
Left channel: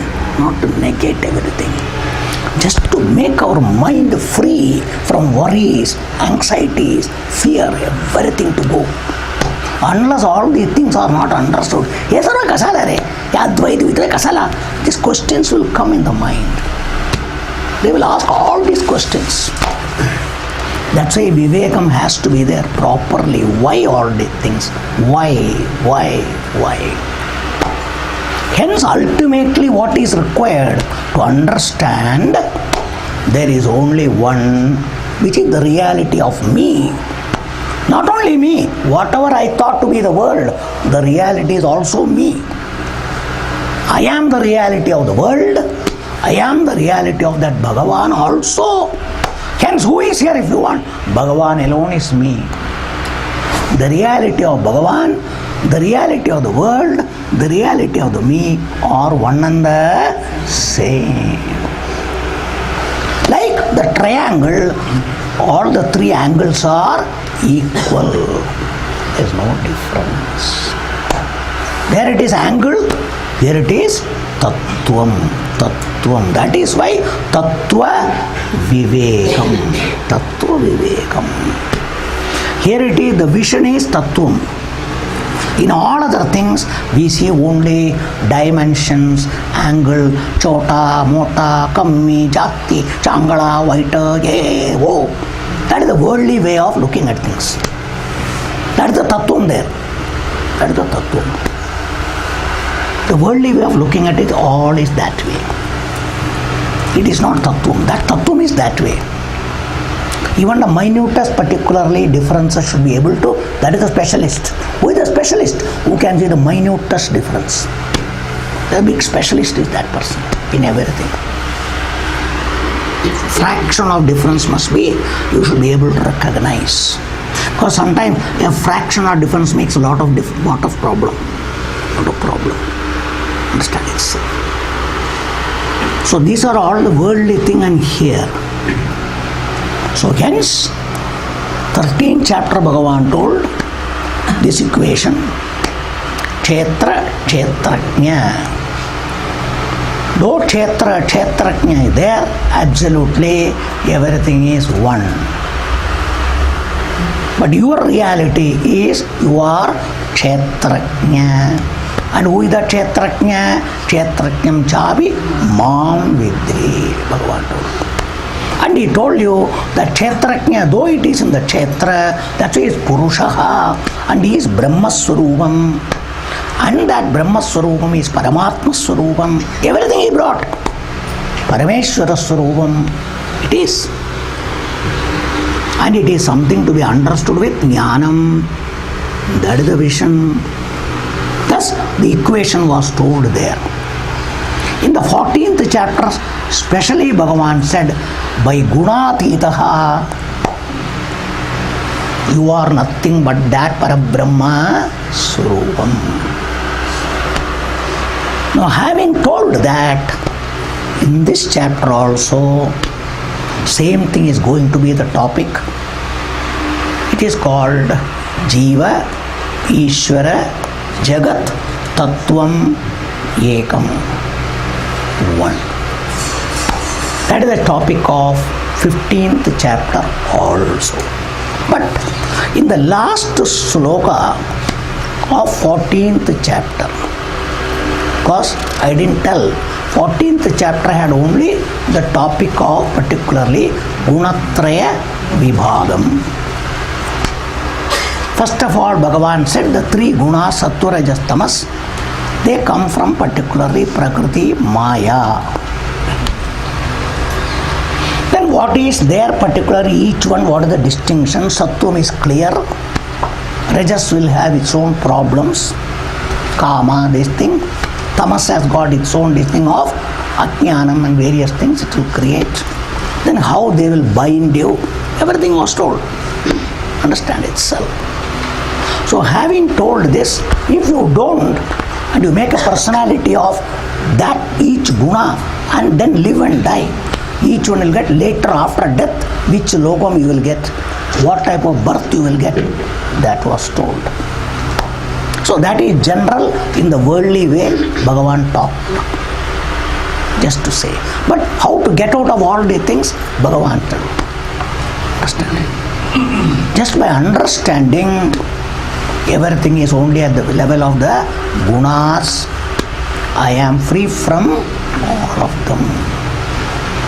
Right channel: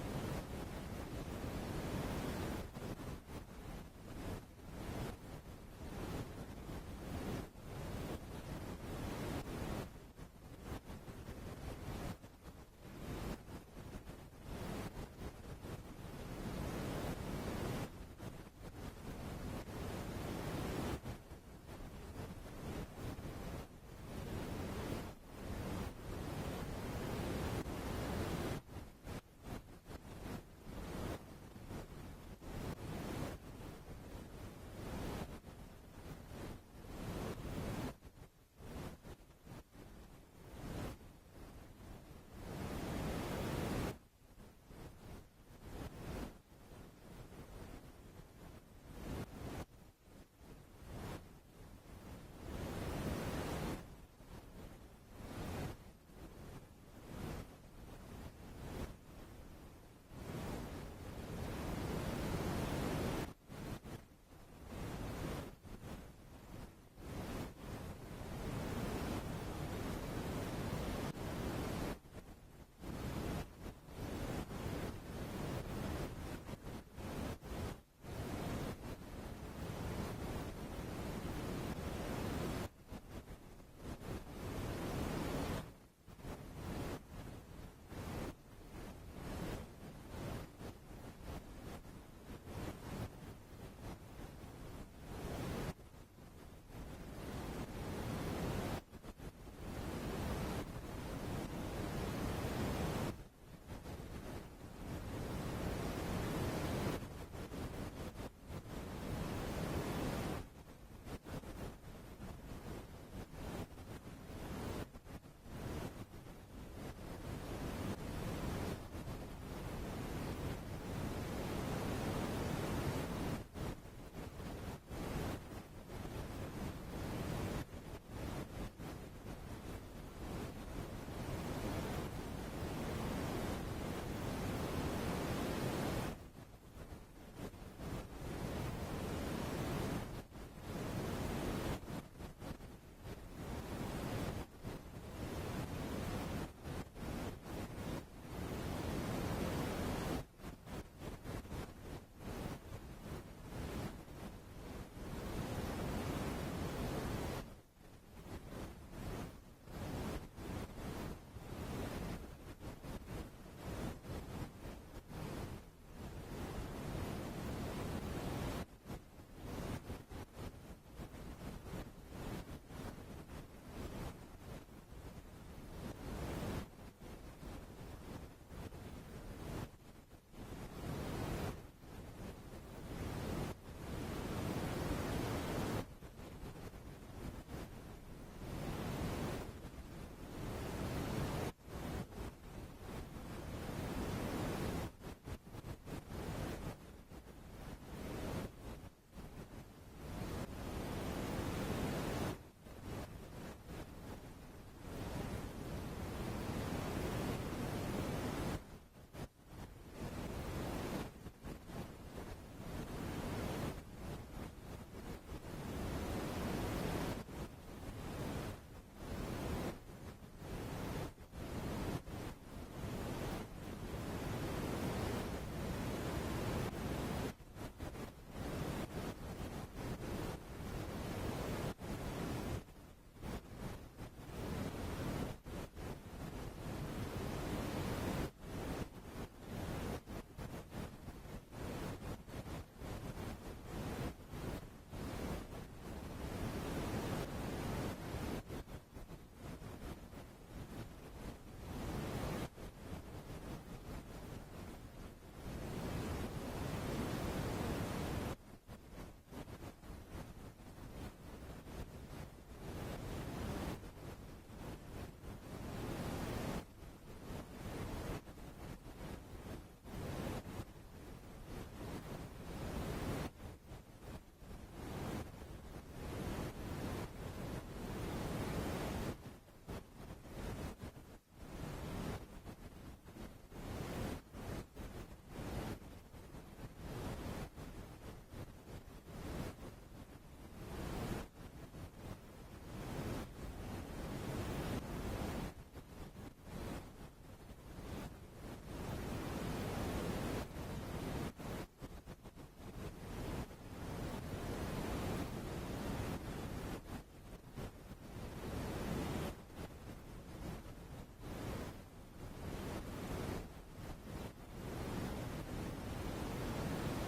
Just to make our mind free from worries, anxieties, fear, everything to go. Unless all these things are not understood. Yes, sir, kasala re. Advaita kasala. These questions will come in the mind. They will ask all these questions. That's why Vivekam has to be there properly. Why all these things? Why? Hence, ultimately, what is required to understand there is only one, which is the reality of me. Not only me, whatever I thought to be the world, the reality is also me. I am the reality of the world. I am the reality of that Bhagavan also. Hence, who is here if you want? Bhagavan alone is me. The reality of Bhagavan, the reality of the world, the reality of the me are one and the same. Like the triangle, all the three angles are equal. There is no difference. There it is angle, here it is tattvam. That is why tattva vivekam. Tattva vivekam. Here it is, the vision is tattvam. In all other things, we see only dimensions, angle, chota, mota, kammi, jati, changala, vaita, ye, wo. That is the worldly way of looking at things. That is the tattvam there. That is the tattvam. The worldly way of looking at it, all is that way. It is not tattvam. That tattvam is that way. Even the minutest, particularly differences should be able to, that is a specialist. Who is a specialist? Who can see the minutest difference. The big specialist is that person in everything. Fraction of difference must be, you should be able to recognize. Because sometimes a fraction of difference makes a lot of problem. Understand it. So these are all the worldly thing and here. So hence, 13th chapter Bhagavan told this equation, Kshetra, Kshetrajna. Though Kshetra, Kshetrajna is there, absolutely everything is one. But your reality is you are Kshetrajna. And who is the Kshetrajna? Kshetrajnam chavi mam vidhi, Bhagavan told. And he told you that Kshetrajna, though it is in the Kshetra, that's why he is Purushaha, and he is Brahma Swarupam. And that Brahma Swarupam is Paramatma Swarupam. Everything he brought. Parameshwara Swarupam. It is. And it is something to be understood with Jnanam. That is the vision. Thus, the equation was told there. In the 14th chapter, especially Bhagavan said, by Gunatitaha, you are nothing but that Parabrahma Swarupam. Now, having told that, in this chapter also, same thing is going to be the topic. It is called Jiva, Ishvara, Jagat, Tattvam, Ekam. One. That is the topic of 15th chapter also. But in the last sloka of 14th chapter, because I didn't tell, 14th chapter had only the topic of particularly Gunatraya Vibhagam. First of all, Bhagavan said the three gunas, Sattva, Rajas, Tamas, they come from particularly Prakriti, Maya. Then what is there particularly, each one, what is the distinction? Sattvam is clear. Rajas will have its own problems. Kama, this thing. Tamas has got its own this thing of Ajnanam and various things it will create. Then how they will bind you, everything was told. Understand itself. So having told this, if you don't, and you make a personality of that each guna and then live and die, each one will get later after death, which lokam you will get, what type of birth you will get, that was told. So that is general in the worldly way Bhagavan talked. Just to say. But how to get out of all these things, Bhagavan told. Understand? Just by understanding everything is only at the level of the gunas. I am free from all of them.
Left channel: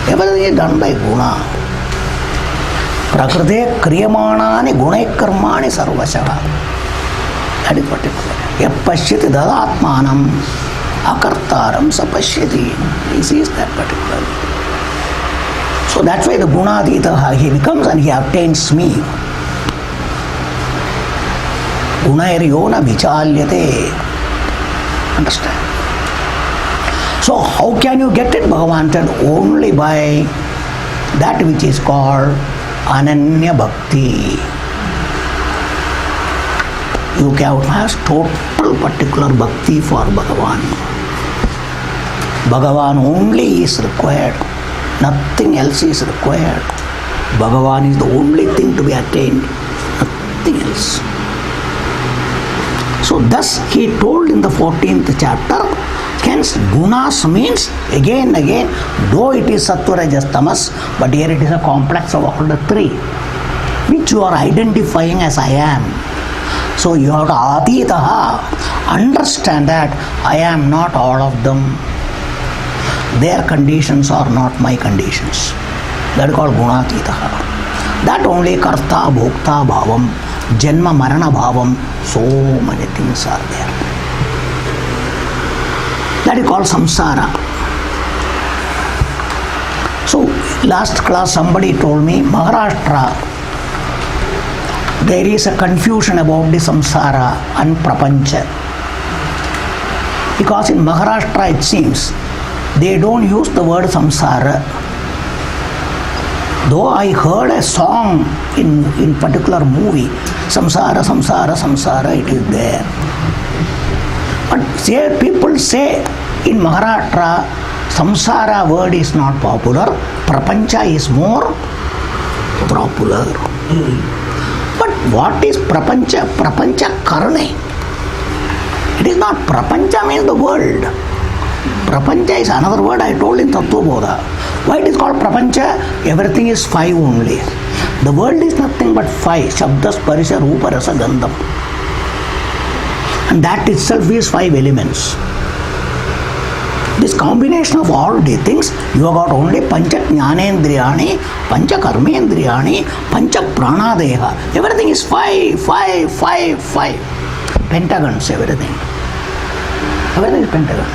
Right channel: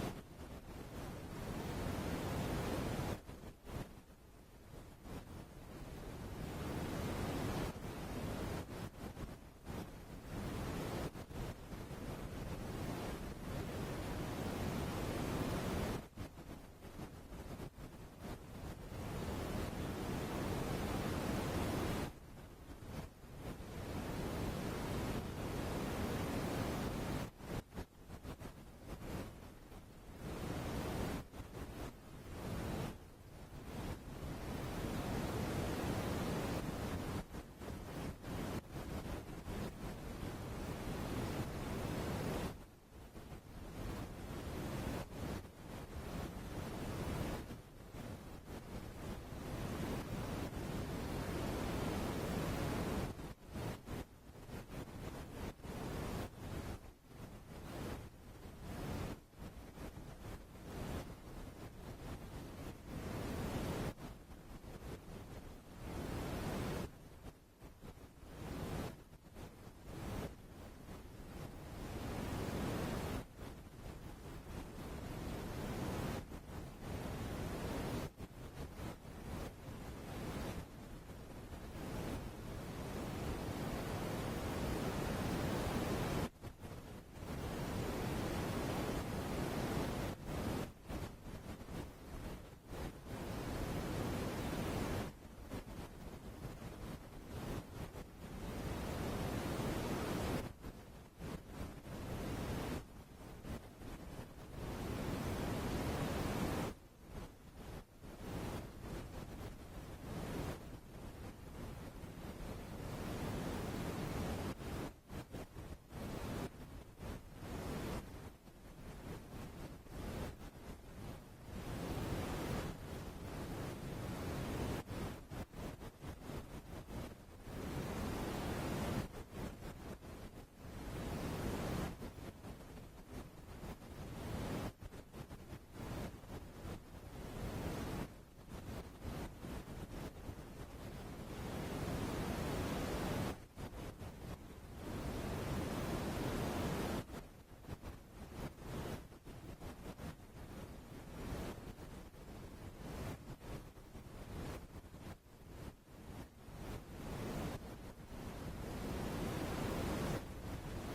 Everything is done by guna. Prakrite kriyamanani gunai karmani sarvasha. That is particular. Yapashyati dadatmanam akartaram sapashyati. This is that particular. So that's why the gunadita, he becomes and he obtains me. Gunairiyona vichalyate. Understand? So how can you get it, Bhagavan said? Only by that which is called Ananya Bhakti. You can have total particular Bhakti for Bhagavan. Bhagavan only is required. Nothing else is required. Bhagavan is the only thing to be attained. Nothing else. So thus he told in the 14th chapter, hence gunas means again, though it is sattva rajas tamas, but here it is a complex of all the three, which you are identifying as I am. So you have to aditaha, understand that I am not all of them. Their conditions are not my conditions. That is called gunatitaha. That only karta, bhokta, bhavam, janma, marana bhavam, so many things are there. That is called samsara. So last class somebody told me Maharashtra, there is a confusion about the samsara and prapancha. Because in Maharashtra it seems they don't use the word samsara. Though I heard a song in particular movie, samsara, samsara, samsara, it is there. But people say in Maharashtra, samsara word is not popular, prapancha is more popular. But what is prapancha? Prapancha karne. It is not, prapancha means the world. Prapancha is another word I told in Tattva Bodha. Why it is called prapancha? Everything is five only. The world is nothing but five. Shabda, sparisha, rupa, rasa, gandham. And that itself is five elements. This combination of all the things, you have got only pancha jnanendriyani, pancha karmendriyani, pancha pranadeha. Everything is five. Pentagons, everything. Everything is pentagon.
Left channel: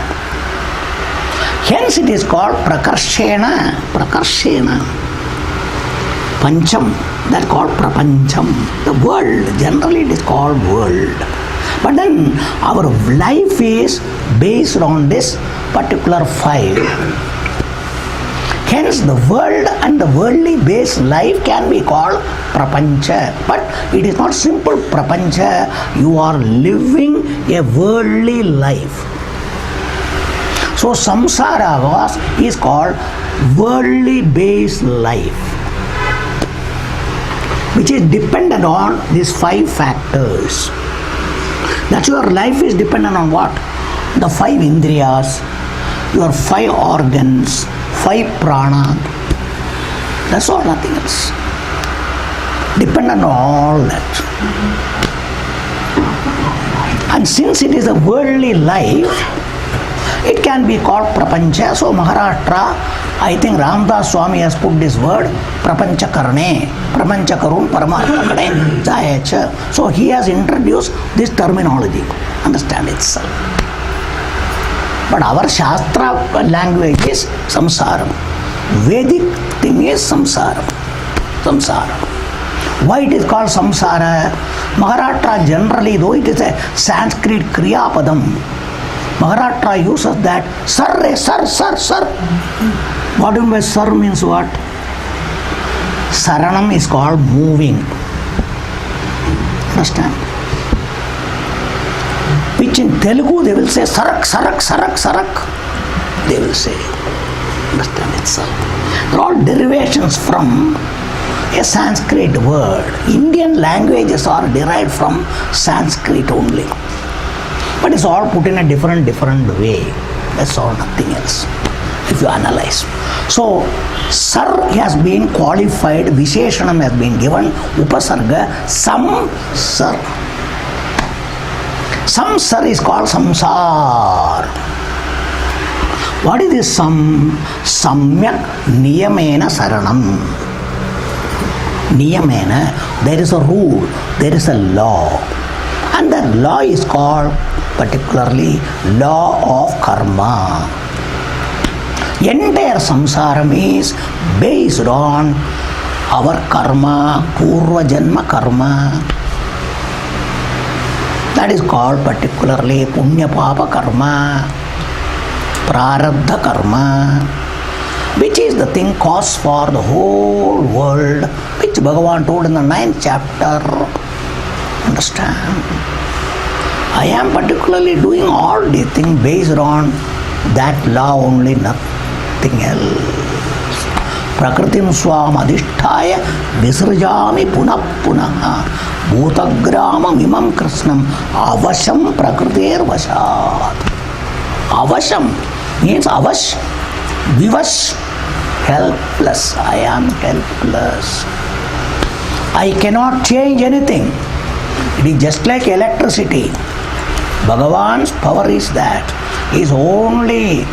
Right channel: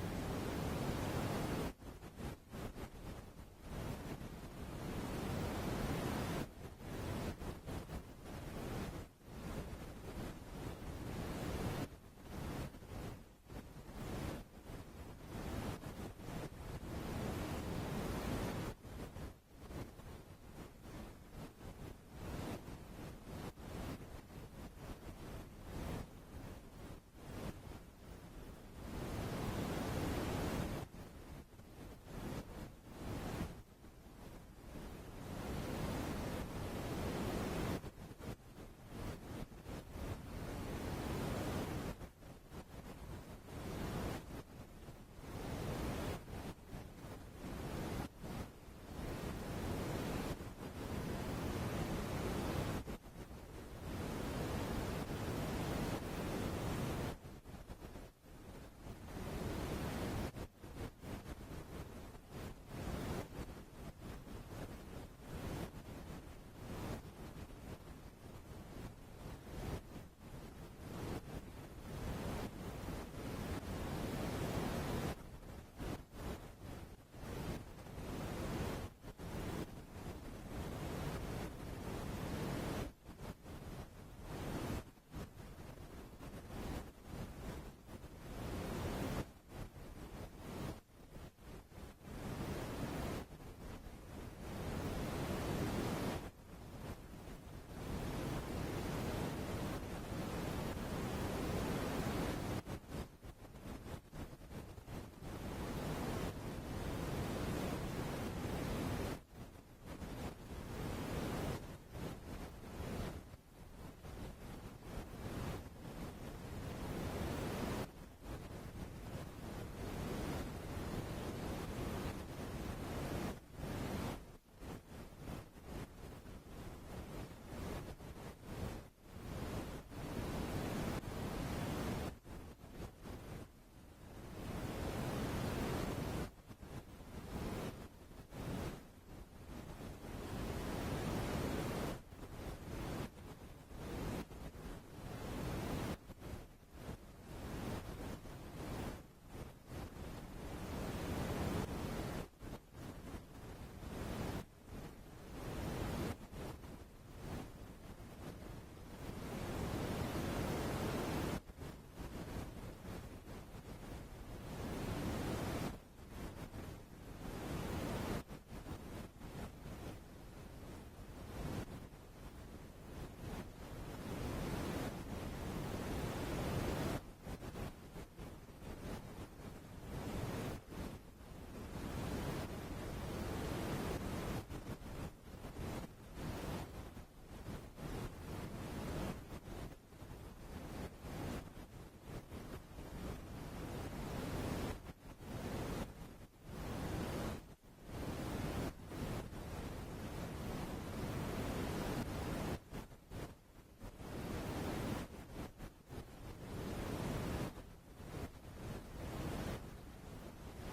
Hence it is called prakarshena. Pancham, that is called prapancham. The world, generally it is called world. But then our life is based on this particular five. Hence the world and the worldly based life can be called prapancha. But it is not simple prapancha. You are living a worldly life. So samsara is called worldly based life, which is dependent on these five factors. That your life is dependent on what? The five indriyas, your five organs, five prana. That's all, nothing else. Dependent on all that. And since it is a worldly life, it can be called prapancha. So Maharashtra, I think Ramdas Swami has put this word prapancha karne, prapancha karun paramartha kade jayacha. So he has introduced this terminology. Understand itself. But our Shastra language is samsaram. Vedic thing is samsaram. Why it is called samsara? Maharashtra generally, though it is a Sanskrit kriya padam, Maharashtra uses that sir. What do you mean by sir means what? Saranam is called moving. Understand? Which in Telugu they will say sarak. They will say. Understand itself. They're all derivations from a Sanskrit word. Indian languages are derived from Sanskrit only. But it's all put in a different way. That's all, nothing else. If you analyze. So, sir has been qualified, Visheshanam has been given, Upasarga, some sir. Some sir is called samsar. What is this sam? Samyak niyamena saranam. Niyamena, there is a rule, there is a law. And that law is called particularly law of karma. Entire samsaram is based on our karma, purva janma karma. That is called particularly punya papa karma, prarabdha karma, which is the thing cause for the whole world, which Bhagavan told in the 9th chapter. Understand? I am particularly doing all these things based on that law only, nothing else. Prakritim swam adhisthaya visrjami punah punah bhutagramam imam krishnam avasham prakritir vashat. Avasham means avash, vivash, helpless. I am helpless. I cannot change anything. It is just like electricity. Bhagavan's power is that. Is only,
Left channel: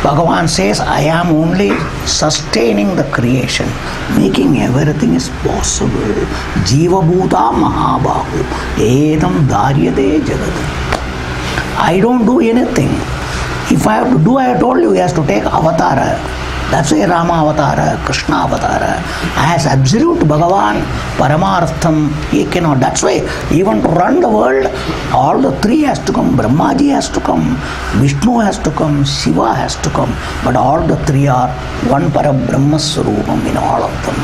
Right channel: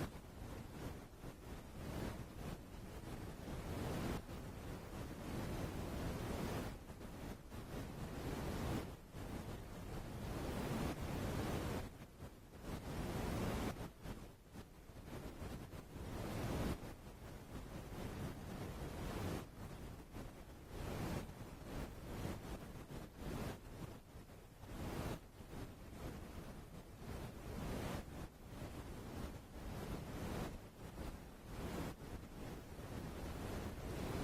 Bhagavan says, I am only sustaining the creation, making everything is possible. Jiva bhuta mahabahu edam daryate jagat. I don't do anything. If I have to do, I have told you, he has to take avatara. That's why Rama avatara, Krishna avatara. As absolute Bhagavan, Paramartham, he cannot. That's why even to run the world, all the three has to come. Brahmaji has to come, Vishnu has to come, Shiva has to come. But all the three are one Parabrahma Swarupam in all of them.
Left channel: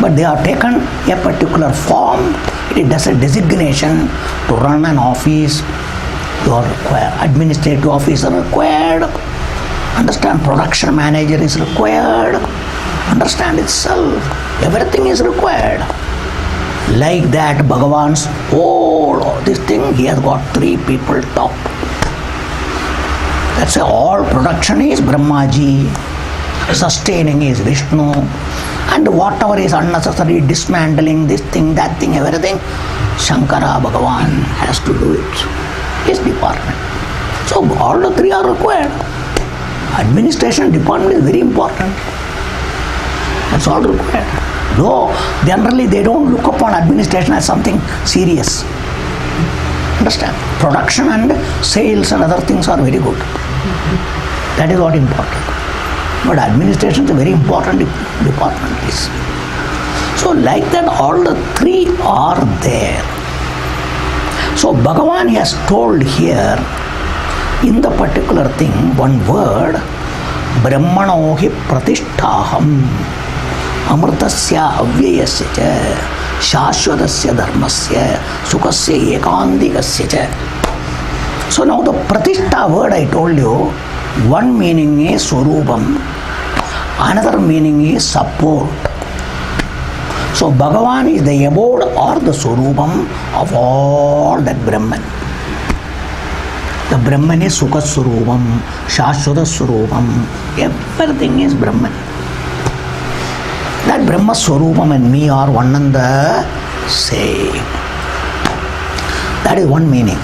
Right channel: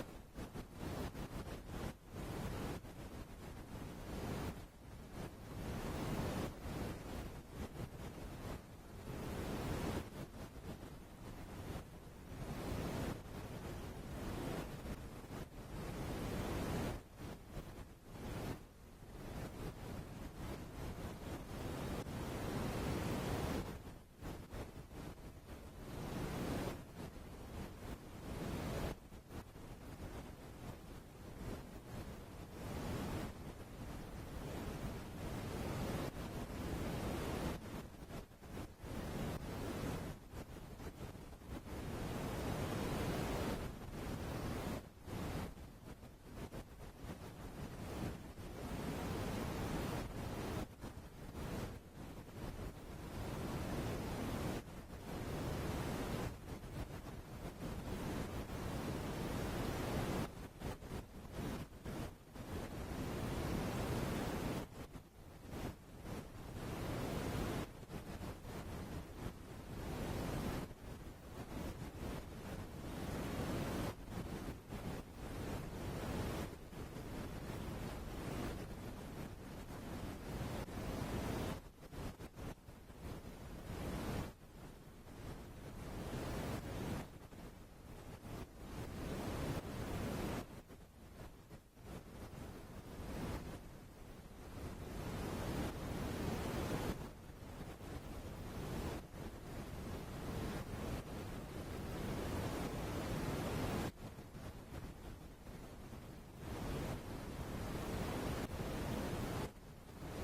But they are taken a particular form. It is a designation to run an office. You are required. Administrative officer required. Understand, production manager is required. Understand itself. Everything is required. Like that, Bhagavan's whole this thing, he has got three people top. That's why all production is Brahmaji, sustaining is Vishnu, and whatever is unnecessary, dismantling this thing, that thing, everything, Shankara Bhagavan has to do it. His department. So all the three are required. Administration department is very important. That's all required. Though generally they don't look upon administration as something serious. Understand? Production and sales and other things are very good. That is what is important. But administration is a very important department. So like that, all the three are there. So Bhagavan has told here in the particular thing, one word, Brahmanohi pratisthaham amritasya avyayasya cha shashvatasya dharmasya sukasya ekandikasya cha. So now the pratishtha word I told you, one meaning is Swarupam, another meaning is support. So Bhagavan is the abode or the Swarupam of all that Brahman. The Brahman is Sukha Swarupam, Shashvata Swarupam, everything is Brahman. That Brahma Swarupam and me are one and the same. That is one meaning.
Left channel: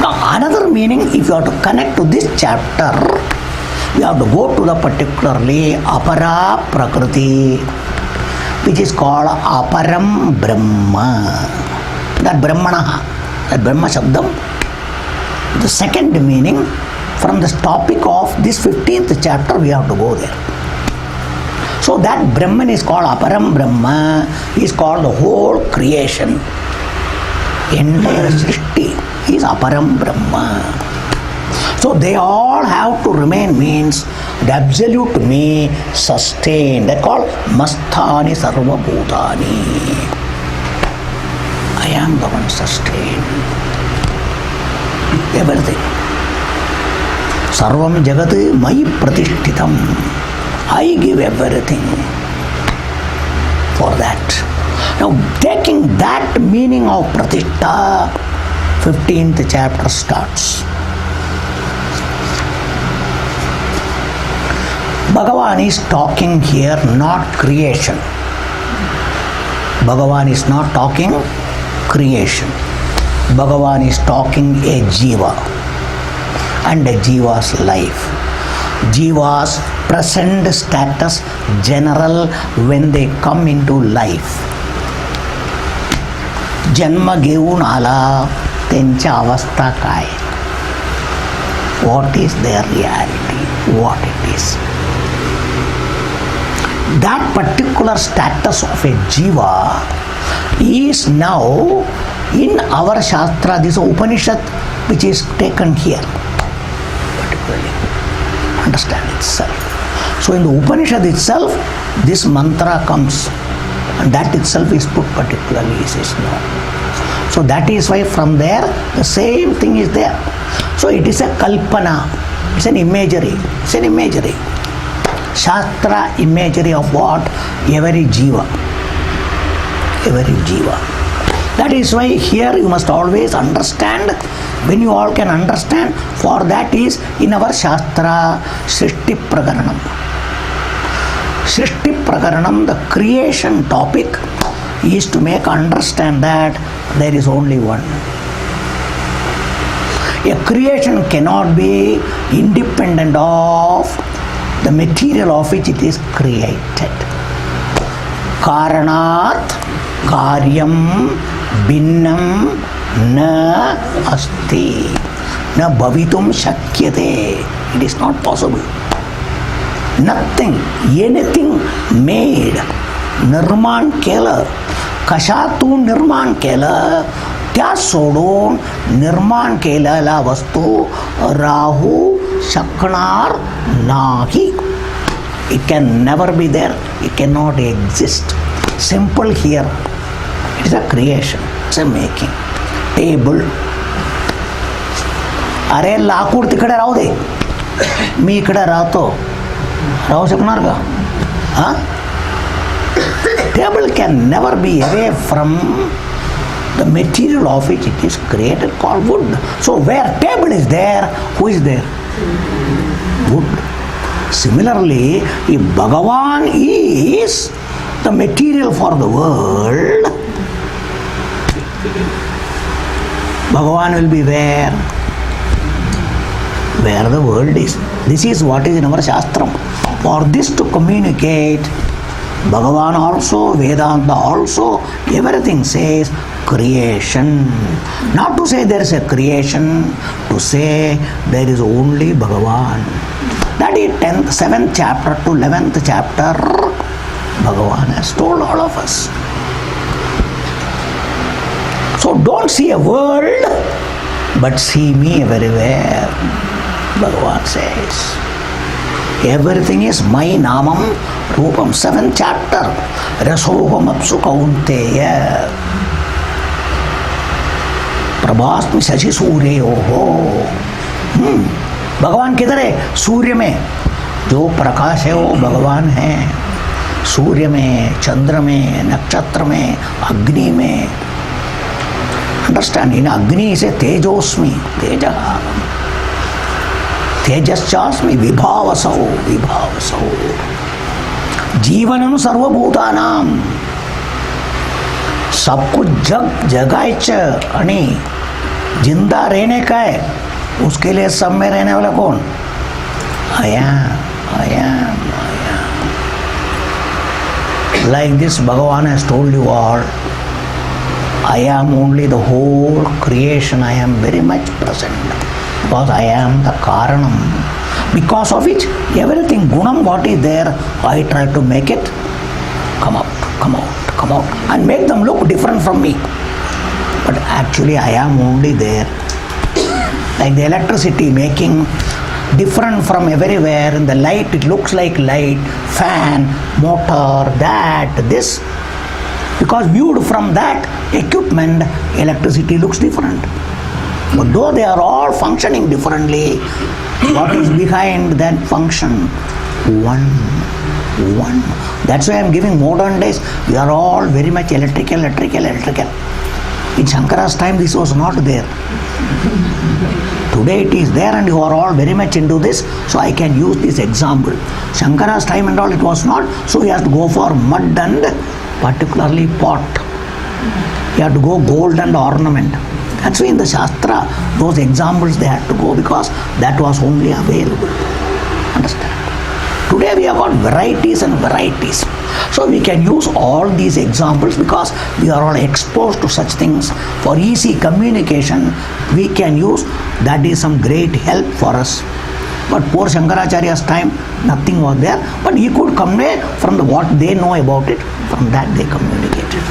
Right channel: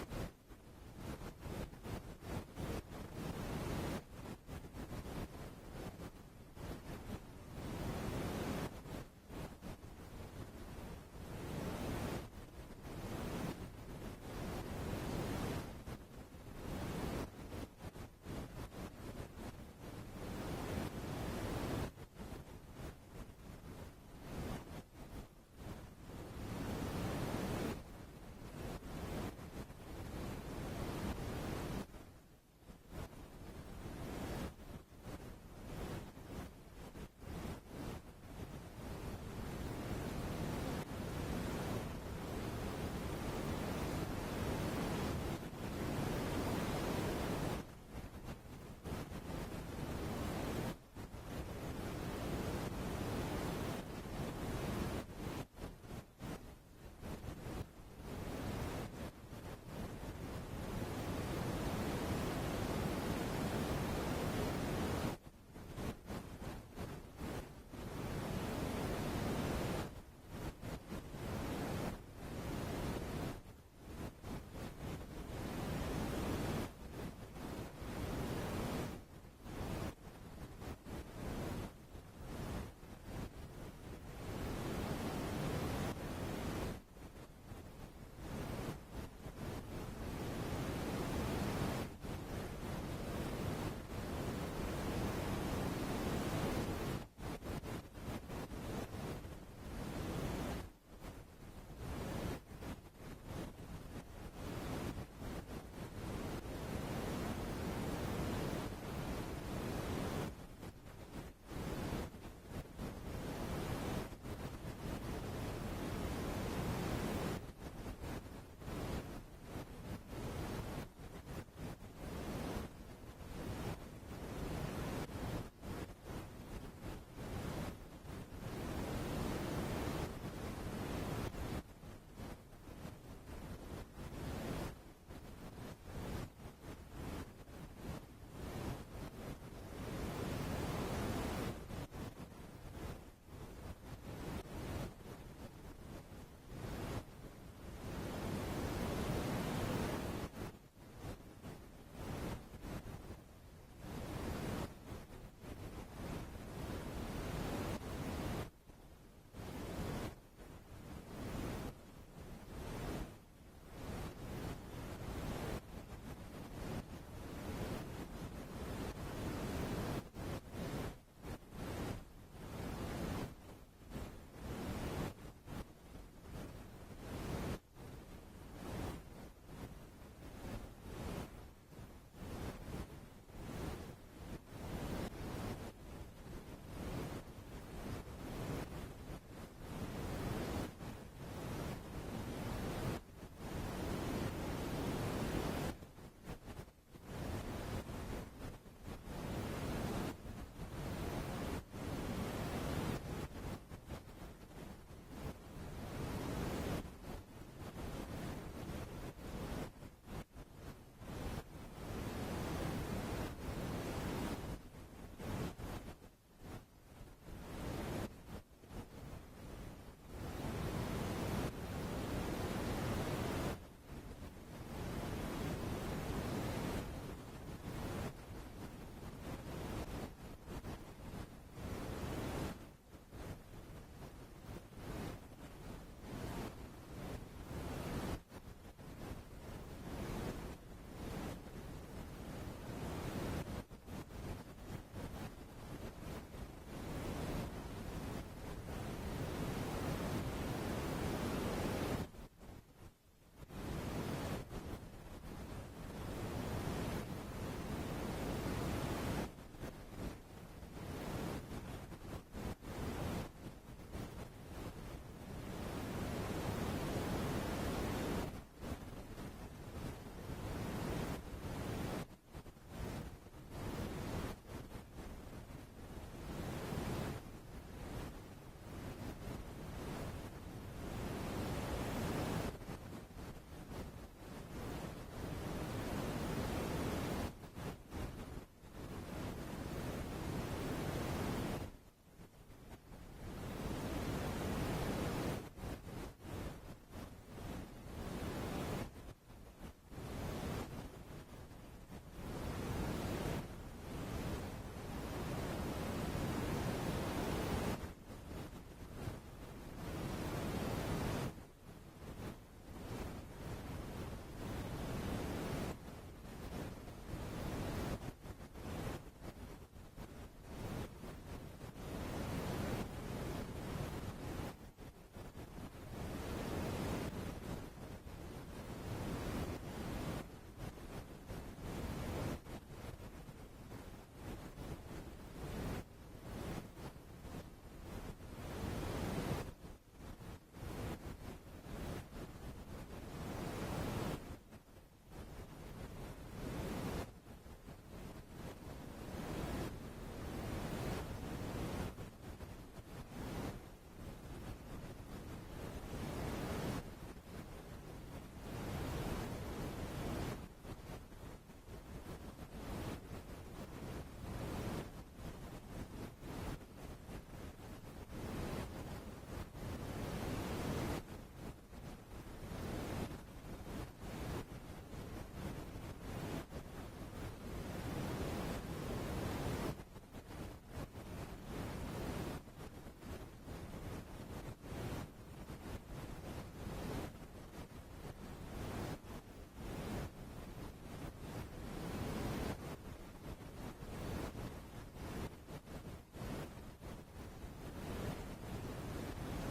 Now another meaning, if you have to connect to this chapter, we have to go to the particularly Apara Prakriti, which is called Aparam Brahma. That Brahmana, that Brahma Shabdam. The second meaning, from the topic of this 15th chapter, we have to go there. So that Brahman is called Aparam Brahma, is called the whole creation. Entire Srishti is Aparam Brahma. So they all have to remain, means the absolute me sustained. They called Masthani Sarva Bhutani. I am the one sustained. Everything. Sarvam Jagat Mai Pratishtitam. I give everything for that. Now, taking that meaning of Pratishtha, 15th chapter starts. Bhagavan is talking here not creation. Bhagavan is not talking creation. Bhagavan is talking a jiva and a jiva's life. Jiva's present status general when they come into life. जन्म घेऊन आला त्यांच्या अवस्था काय? What is their reality? What it is? That particular status of a jiva is now in our Shastra, this Upanishad which is taken here. Particularly understand itself. So in the Upanishad itself, this mantra comes, and that itself is put particularly, he says no. So that is why from there the same thing is there. So it is a kalpana, it's an imagery, it's an imagery. Shastra imagery of what? Every jiva. Every jiva. That is why here you must always understand, when you all can understand, for that is in our Shastra Srishti Prakaranam. Srishti Prakaranam, the creation topic, is to make understand that there is only one. A creation cannot be independent of the material of which it is created. Karanat karyam binnam na asti na bhavitum shakyate. It is not possible. Nothing, anything made, निर्माण केलं, कशातून निर्माण केलं, त्या सोडून निर्माण केलेला वस्तू राहू शकणार नाही. It can never be there, it cannot exist. Simple here, it is a creation, it's a making. Table, अरे लाकूड तिकडे राहू दे, मी इकडे राहतो, राहू शकणार का? हा? Table can never be away from the material of which it is created, called wood. So where table is there, who is there? Wood. Similarly, if Bhagavan is the material for the world, Bhagavan will be where? Where the world is. This is what is in our Shastram. For this to communicate, Bhagavan also, Vedanta also, everything says creation. Not to say there is a creation, to say there is only Bhagavan. That is 7th chapter to 11th chapter, Bhagavan has told all of us. So don't see a world, but see me everywhere, Bhagavan says. Everything is my namam rupam. 7th chapter, Rasoham apsu kaunteya prabhasmi shashi suryoho. भगवान किधर है? सूर्य में. जो प्रकाश है वो भगवान है. सूर्य में, चंद्र में, नक्षत्र में, अग्नि में. अंडरस्टैंड? इन अग्नि से तेजोस्मि, तेज तेजश्चास्मि विभावसौ, विभावसौ. जीवनम सर्वभूतानाम. सब कुछ जग जगायचं आणि जिंदा रहने का है. उसके लिए सब में रहने वाला कौन? I am. Like this Bhagavan has told you all, I am only the whole creation. I am very much present because I am the Karanam, because of which everything gunam what is there, I try to make it come out and make them look different from me. But actually I am only there. Like the electricity making different from everywhere. In the light it looks like light, fan, motor, that, this. Because viewed from that equipment, electricity looks different. But though they are all functioning differently, what is behind that function? One. That's why I am giving modern days. We are all very much electrical. In Shankara's time this was not there. Today it is there and you are all very much into this, so I can use this example. Shankara's time and all it was not, so he has to go for mud and particularly pot. You have to go gold and ornament. That's why in the Shastra, those examples they had to go because that was only available. Understand? Today we have got varieties and varieties. So we can use all these examples because we are all exposed to such things. For easy communication, we can use, that is some great help for us. But poor Shankaracharya's time, nothing was there. But he could convey from what they know about it, from that they communicated.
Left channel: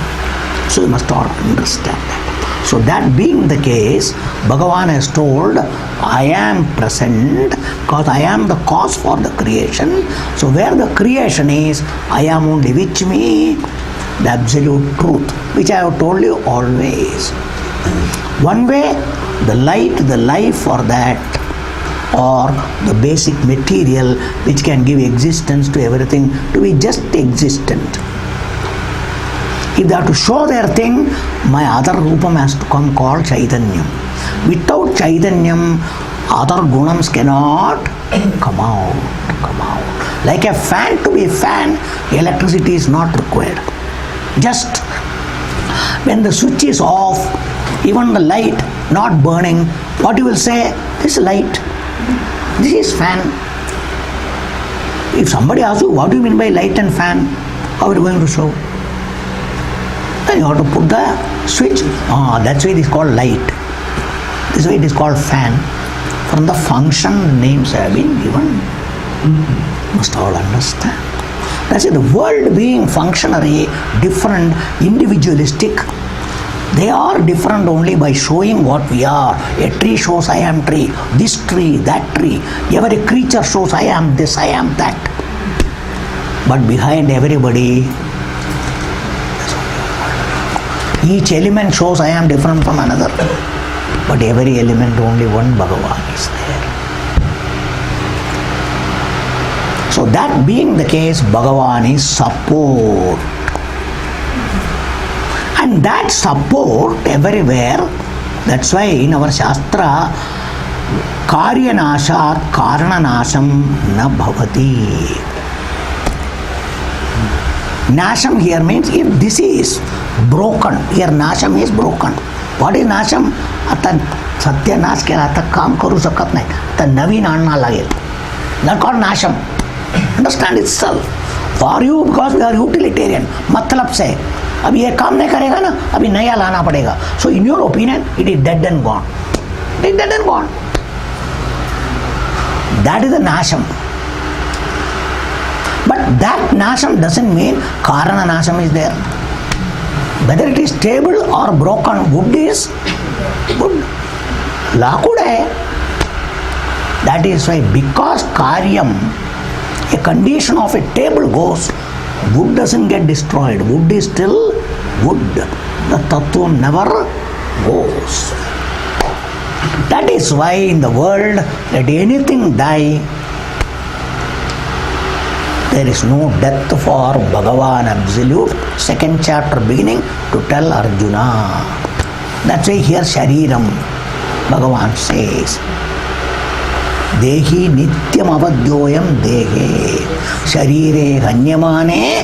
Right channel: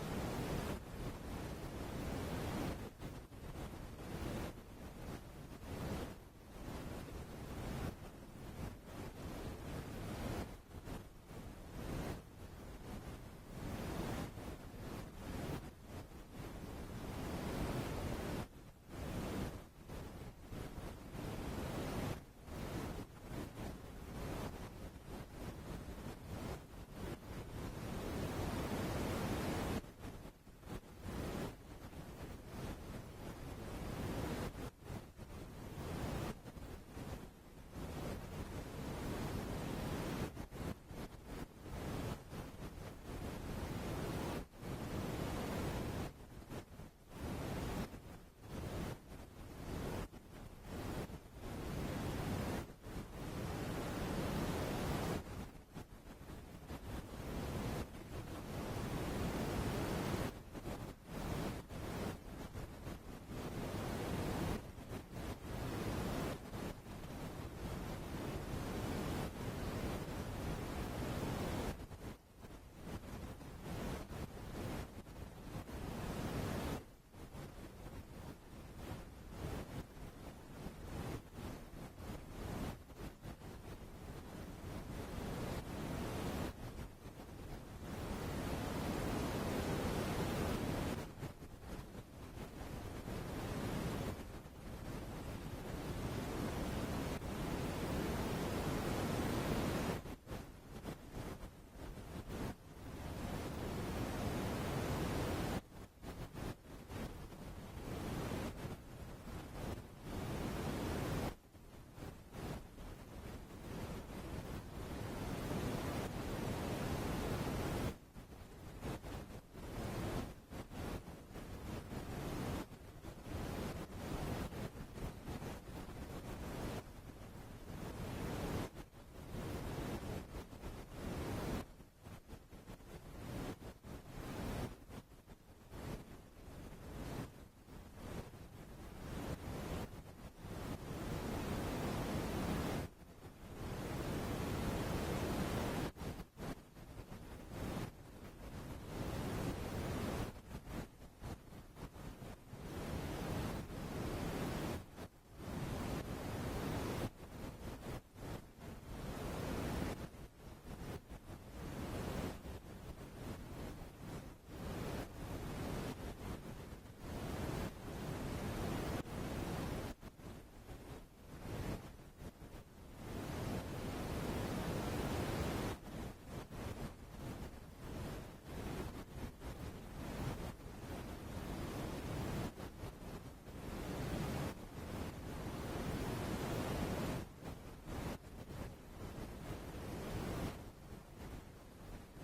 So you must all understand that. So that being the case, Bhagavan has told, I am present because I am the cause for the creation. So where the creation is, I am only, which me, the absolute truth, which I have told you always. One way, the light, the life for that, or the basic material which can give existence to everything, to be just existent. If they have to show their thing, my other rupam has to come called Chaitanyam. Without Chaitanyam, other gunams cannot come out. Like a fan, to be a fan, electricity is not required. Just when the switch is off, even the light not burning, what you will say, this light, this is fan. If somebody asks you, what do you mean by light and fan? How are you going to show? Then you have to put the switch. That's why it is called light. This way it is called fan. From the function, names have been given. Must all understand. That's it. The world being functionary, different, individualistic, they are different only by showing what we are. A tree shows I am tree, this tree, that tree. Every creature shows I am this, I am that. But behind everybody, each element shows I am different from another. But every element, only one Bhagavan is there. So that being the case, Bhagavan is support. And that support everywhere, that's why in our Shastra, Karya Nashat Karana Nasham na bhavati. Nasham here means if this is broken, here Nasham is broken. What is Nasham? आता सत्यानाश केला, आता काम करू शकत नाही, आता नवीन आणा लागेल. That's called Nasham. Understand itself. For you, because we are utilitarian, मतलब से अभी ये काम नहीं करेगा ना, अभी नया लाना पड़ेगा. So in your opinion, it is dead and gone. It is dead and gone. That is the Nasham. But that Nasham doesn't mean Karana Nasham is there. Whether it is stable or broken, wood is wood. Lakud hai. That is why, because Karyam, a condition of a table goes, wood doesn't get destroyed. Wood is still wood. The Tattva never goes. That is why in the world, let anything die, there is no death for Bhagavan Absolute. Second chapter beginning to tell Arjuna. That's why here Shariram, Bhagavan says, Dehi nityam avadyoyam dehe sharire hanyamane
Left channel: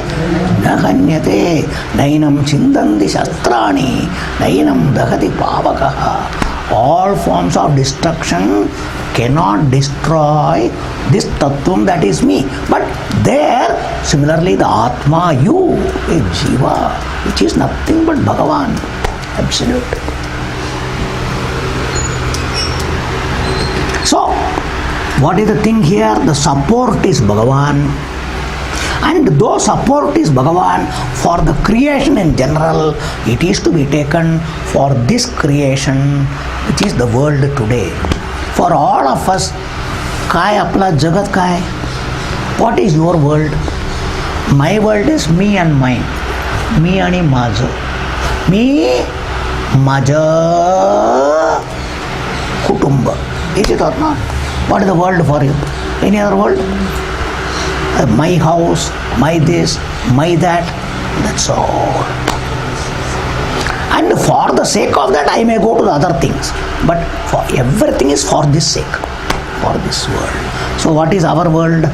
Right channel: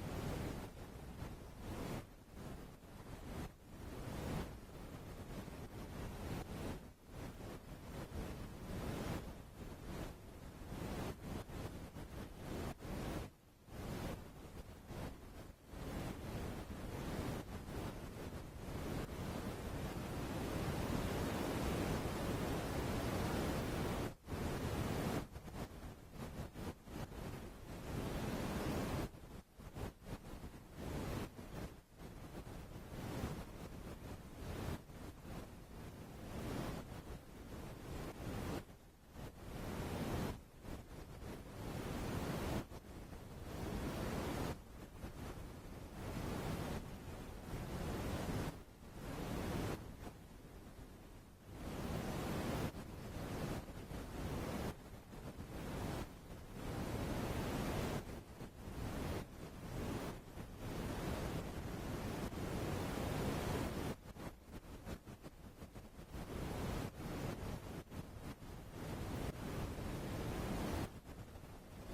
na hanyate nainam chindandi shastrani nainam dahati pavakaha. All forms of destruction cannot destroy this tattvam that is me. But there, similarly, the Atma, you, a Jiva, which is nothing but Bhagavan, absolute. So, what is the thing here? The support is Bhagavan. And though support is Bhagavan, for the creation in general, it is to be taken for this creation, which is the world today. For all of us, काय आपला जगत काय? What is your world? My world is me and mine. मी आणि माझं. मी, माझं कुटुंब. Is it or not? What is the world for you? Any other world? My house, my this, my that. That's all. And for the sake of that, I may go to the other things. But for everything is for this sake, for this world. So what is our world?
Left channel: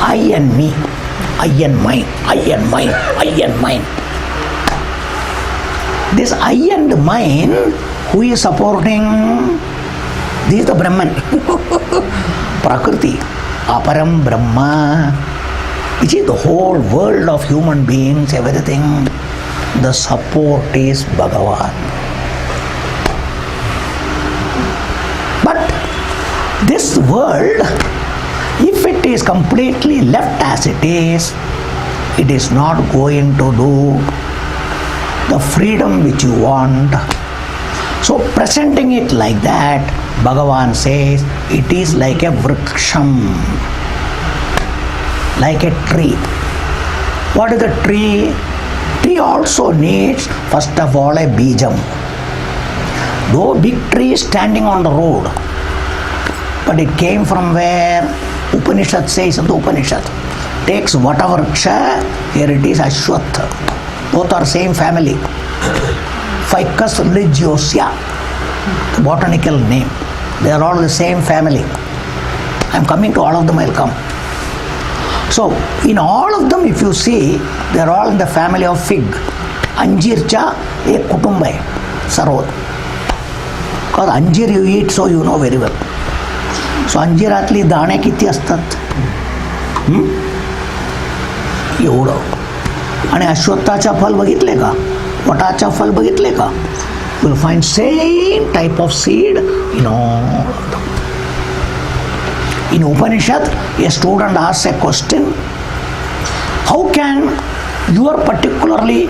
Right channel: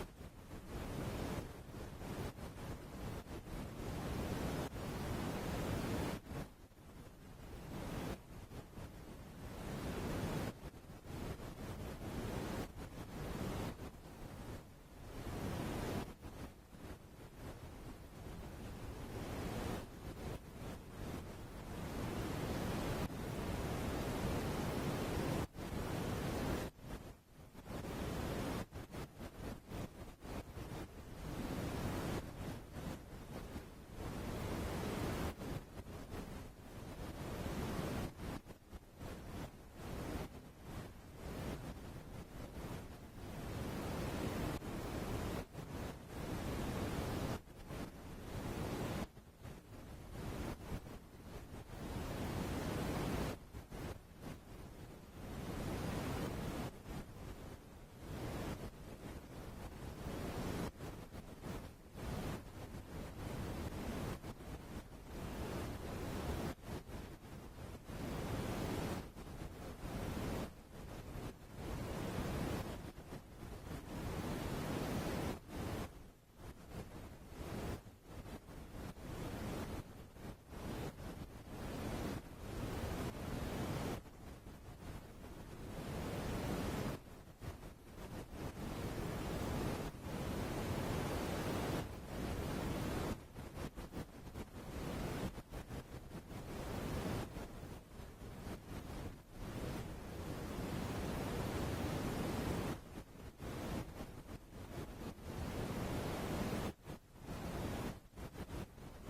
I and me, I and mine, I and mine, I and mine. This I and mine, who is supporting? This is the Brahman, Prakriti. aparam Brahma, which is the whole world of human beings, everything, the support is Bhagavan. But this world, if it is completely left as it is not going to do the freedom which you want. So presenting it like that, Bhagavan says, it is like a vriksham, like a tree. What is the tree? Tree also needs, first of all, a bijam. Though big tree is standing on the road, but it came from where? Upanishad says in the Upanishad, takes whatever vriksha, here it is Ashwatha. Both are same family. Ficus religiosa, the botanical name. They are all the same family. I am coming to all of them, I will come. So, in all of them, if you see, they are all in the family of fig. Anjircha, a kutumbay, sarod. Because anjir you eat, so you know very well. So, anjiratli dane kiti astat? एवढं. आणि अश्वत्थाचा फल बघितले का? वटाचा फल बघितले का? You will find same type of seed in all. In Upanishad, a student asks a question, how can your particularly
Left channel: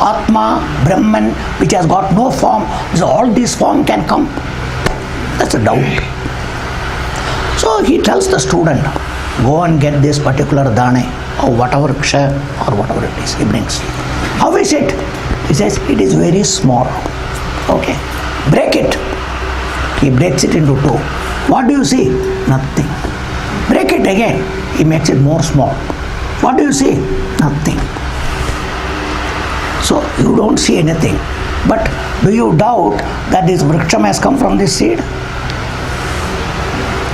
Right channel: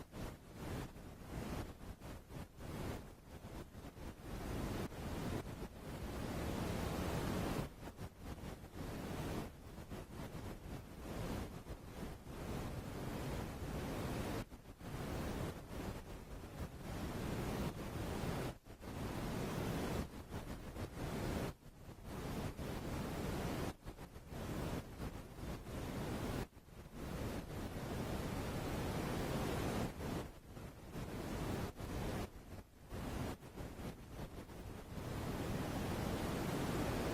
Atma, Brahman, which has got no form, so all this form can come? That's a doubt. So he tells the student, go and get this particular dane or whatever ksha or whatever it is he brings. How is it? He says, it is very small. Okay, break it. He breaks it into two. What do you see? Nothing. Break it again. He makes it more small. What do you see? Nothing. So you don't see anything. But do you doubt that this vriksham has come from this seed?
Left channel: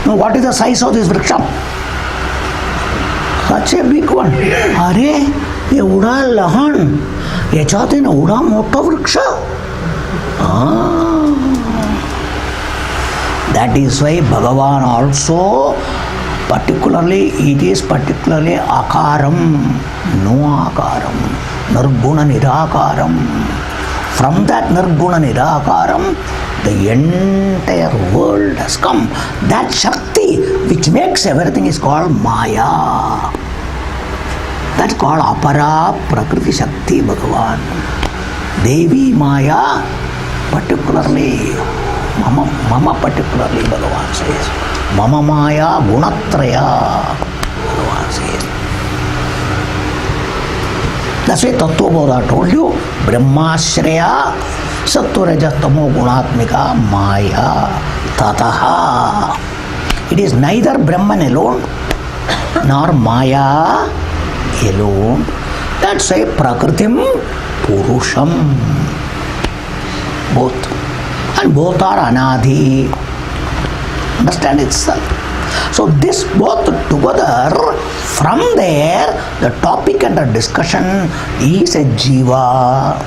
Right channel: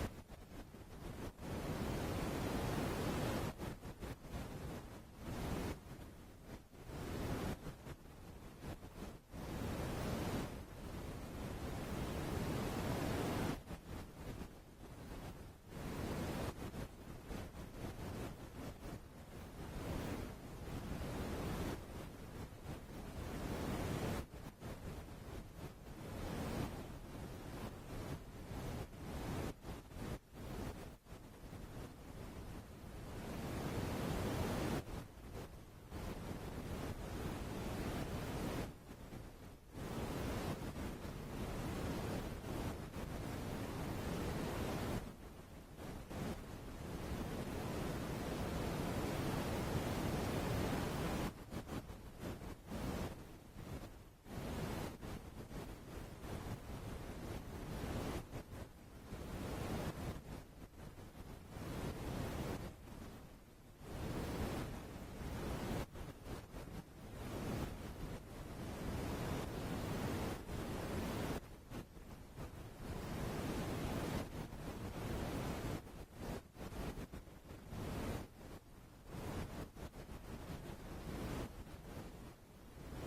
Now what is the size of this vriksham? Such a big one. अरे एवढा लहान, याच्यात एवढा मोठा वृक्ष. That is why Bhagavan also particularly, it is particularly akaram, no akaram, nirguna nirakaram. From that nirguna nirakaram, the entire world has come. That Shakti which makes everything is called Maya. That's called Apara Prakriti Shakti Bhagavan. Devi Maya, particularly, Mama particularly Bhagavan says. Mama Maya Gunatraya, Bhagavan says. That's why Tattva Bodha told you, Brahmashraya Sattva Tamo Gunatmika Maya Tataha. It is neither Brahman alone nor Maya alone. That's why Prakritim Purusham. Both. And both are Anadhi. Understand itself. So this both together, from there, the topic and the discussion is a Jiva.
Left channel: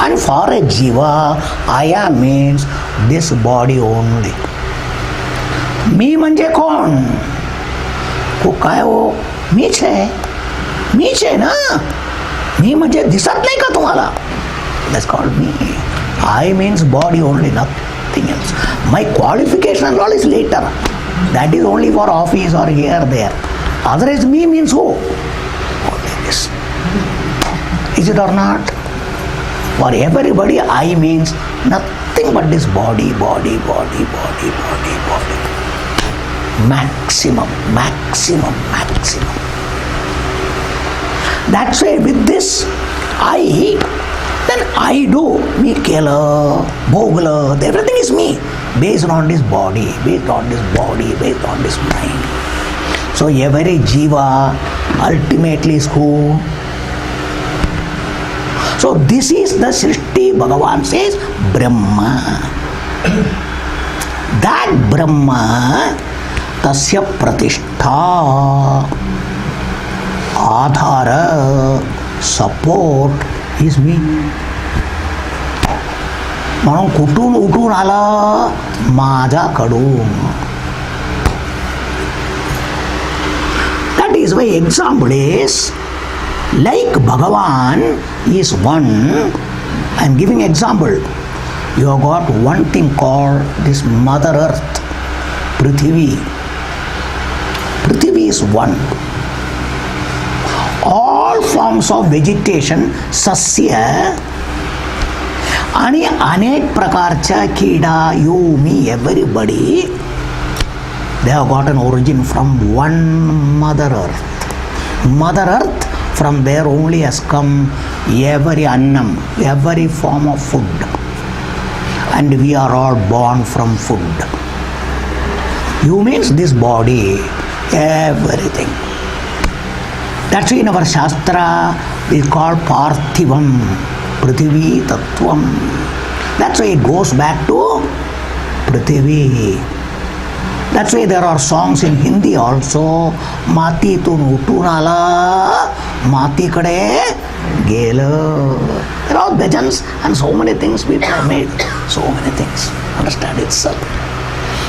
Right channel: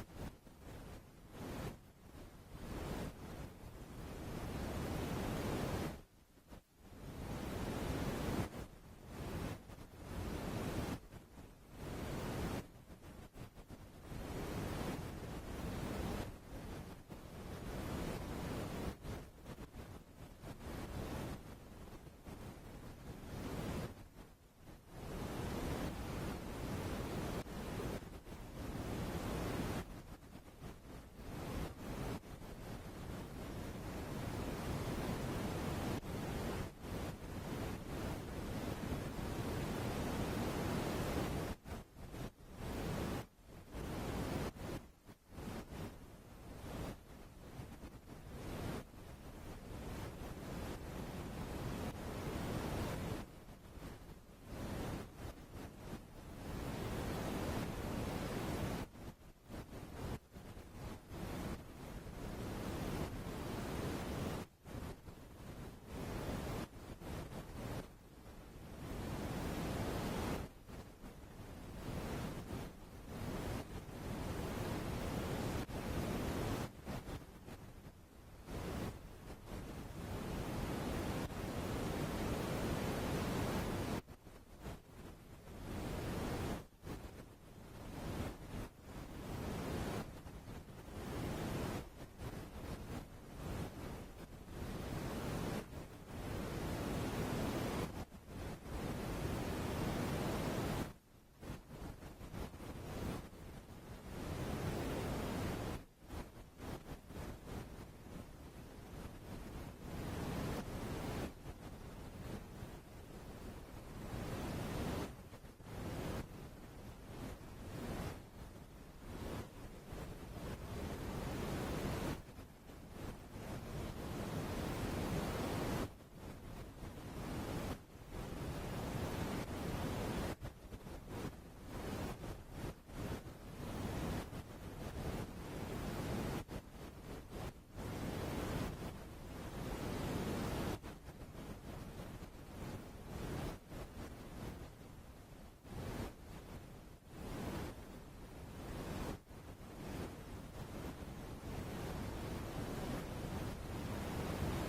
And for a Jiva, Aya means this body only. मी म्हणजे कोण? को काय हो? मीच आहे ना. मी म्हणजे दिसत नाही का तुम्हाला? That's called me. I means body only, nothing else. My qualification and all is later. That is only for office or here, there. Otherwise, me means who? Only this. Is it or not? For everybody, I means nothing but this body. Maximum. That's why with this I, then I do. Me kela, bhogla, everything is me. Based on this body, based on this mind. So every jiva ultimately is who? So this is the Srishti, Bhagavan says, Brahma. That Brahma, tasya pratishtha, adhara, support is me. म्हणून कुठून उठून आला? माझ्याकडून. is why example is like Bhagavan is one. I am giving example. You have got one thing called this Mother Earth, Prithvi. Prithvi is one. All forms of vegetation, sasya, आणि अनेक प्रकारच्या किडा, you, me, everybody, they have got an origin from one Mother Earth. Mother Earth, from there only has come every annam, every form of food. And we are all born from food. You means this body, everything. That's why in our Shastra we call Parthivam, Prithvi Tattvam. That's why it goes back to Prithvi. That's why there are songs in Hindi also. Mati tun utun ala, mati kade gela. There are bhajans and so many things people have made. So many things. Understand itself.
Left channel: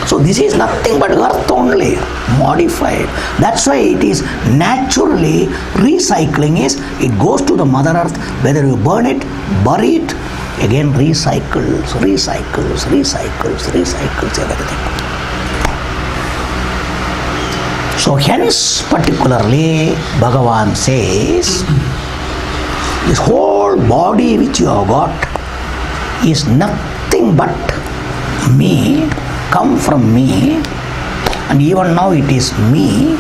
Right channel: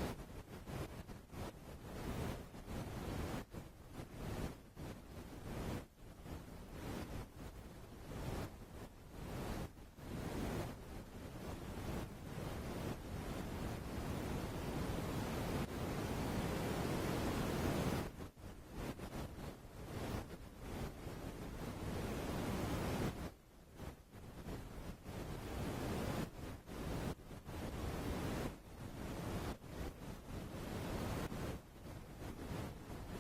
So this is nothing but earth only, modified. That's why it is naturally recycling is, it goes to the Mother Earth, whether you burn it, bury it, again recycles, everything. So hence particularly Bhagavan says, this whole body which you have got is nothing but me, come from me, and even now it is me.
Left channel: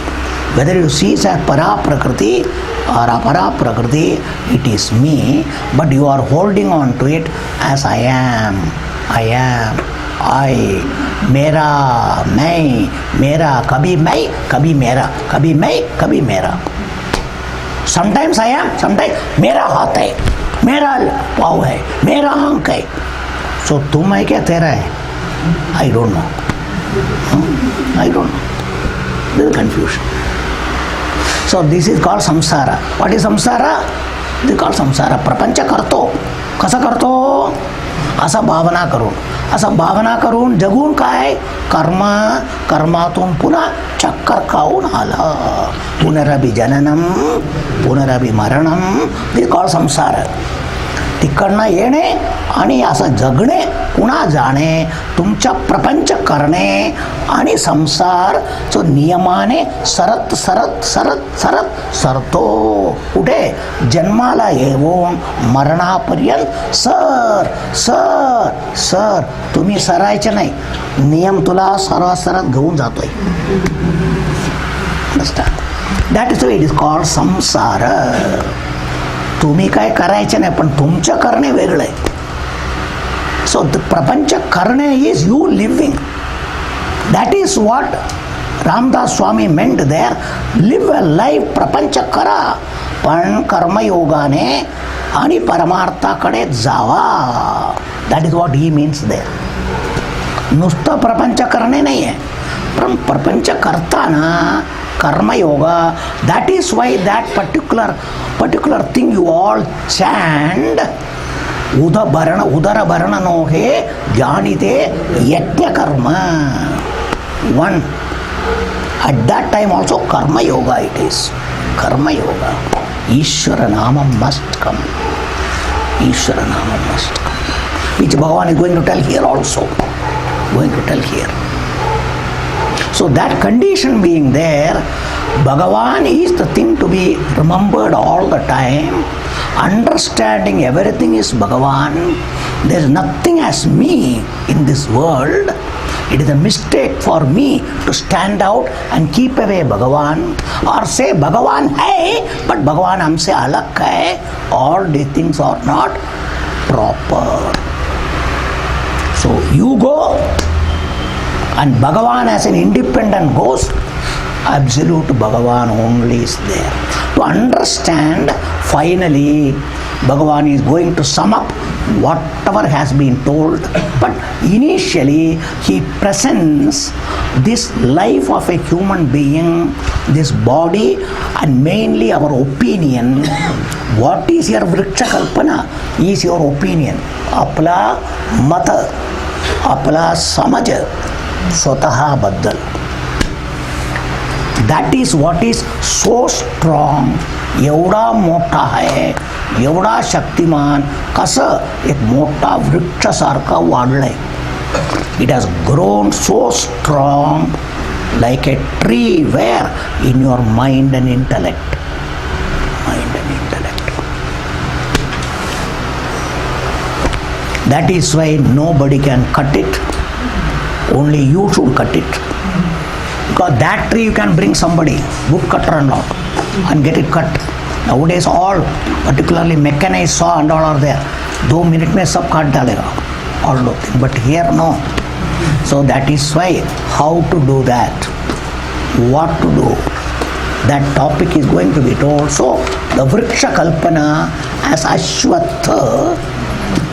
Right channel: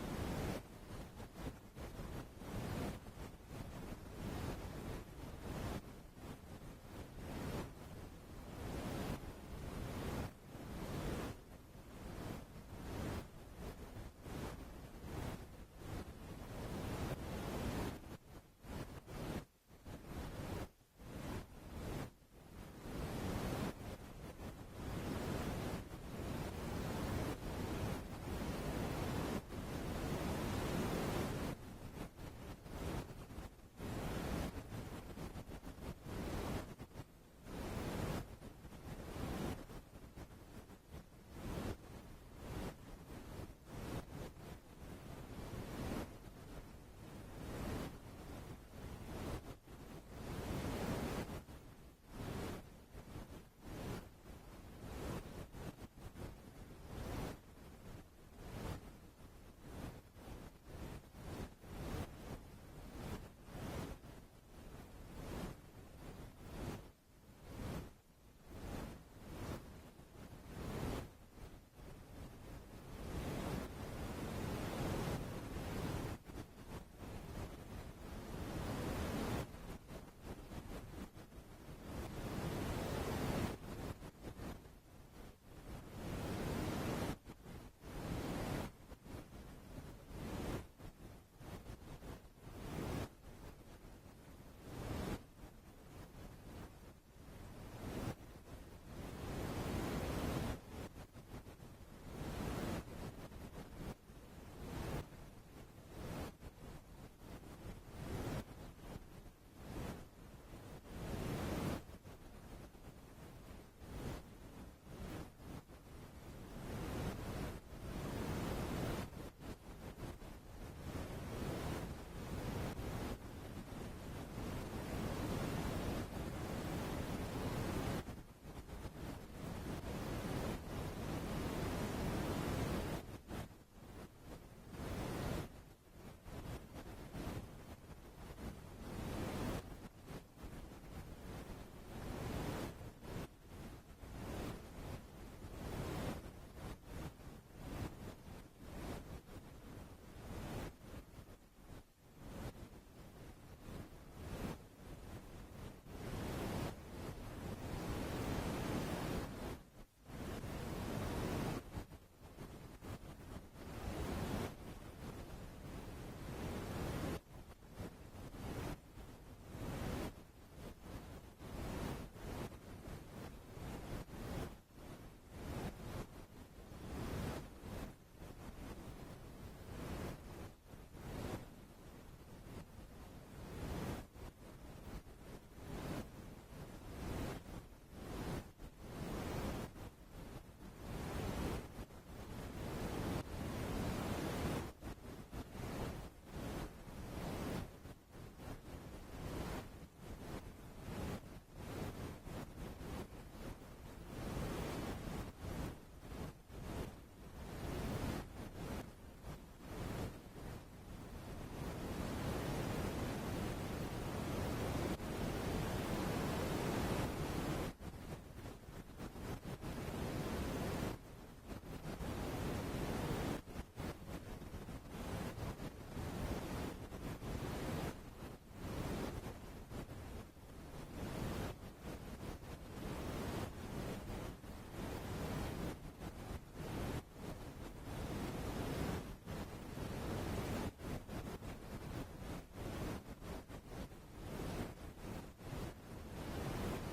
Whether you see it as para prakriti or apara prakriti, it is me, but you are holding on to it as I am, I, mera, मैं, मेरा, कभी मैं, कभी मेरा, कभी मैं, कभी मेरा. Sometimes I am, sometimes मेरा हाथ है, मेरा पाँव है, मेरा आँख है. So तुम है क्या तेरा है? I don't know. I don't know. There is confusion. So this is called samsara. What is samsara? This is called samsara. प्रपंच करतो. कसा करतो? असा भावना करून. असा भावना करून जगून काय? कर्म, कर्मातून पुन्हा चक्कर खाऊन आला. पुनरभि जननम, पुनरभि मरणम. This is called samsara. तिकडनं येणे आणि असं जगणे, पुन्हा जाणे, तुमच्या प्रपंच करणे आणि संसार जो नियमाने सरत सरतो. कुठे? जन्माला येऊन मरणापर्यंत सर तुम्ही सरायचे नाही, नियम तुला सरत घेऊन जातोय. That is it is called संसार. तुम्ही काय करायचे नाही, पण तुमचं करणे वेगळं आहे. सो प्रपंच करणे is you living. That is what Ramdas Swami meant there. Live a life. प्रपंच करा, पण कर्मयोगाने आणि परमार्थाकडे जावा. That is what he means there. नुसतं प्रपंच करणे नाही आहे, पण प्रपंच करताना कर्मयोगा. That is why that particular thing you all chant, udara no he janite yajna karma. One. At that time also karma yoga it is. Karma yoga. Ishvara namam must come. Ishvara namam must come. Which Bhagavan is going to tell here also. Going to tell here. So that condition being there, Bhagavan is the thing to be remembered all the time. Understanding everything is Bhagavan. There is nothing as me in this world. It is a mistake for me to stand out and keep away Bhagavan, or say Bhagavan hai, but Bhagavan humse alag hai. All these things are not proper. So you go, and Bhagavan as an independent ghost, absolute Bhagavan only is there. To understand, finally, Bhagavan is going to sum up whatever has been told. But initially, he presents this life of a human being, this body, and mainly our opinion. What is your vriksha kalpana? Is your opinion. Apla mata, apla samaj, स्वतः बद्दल. That is what is so strong. एवढा मोठा आहे, एवढा शक्तिमान, कसं एक मोठा वृक्षासारखा वाढलाय. It has grown so strong like a tree. Where? In your mind and intellect. Mind and intellect. That is why nobody can cut it. Only you should cut it. Because that tree you can bring somebody, wood cutter and all, and get it cut. Nowadays all, particularly mechanized saw and all are there. 2 minutes में सब काट डालेगा, all those things. But here no. So that is why how to do that, what to do, that topic is going to be told. So the Vriksha Kalpana as Ashwatha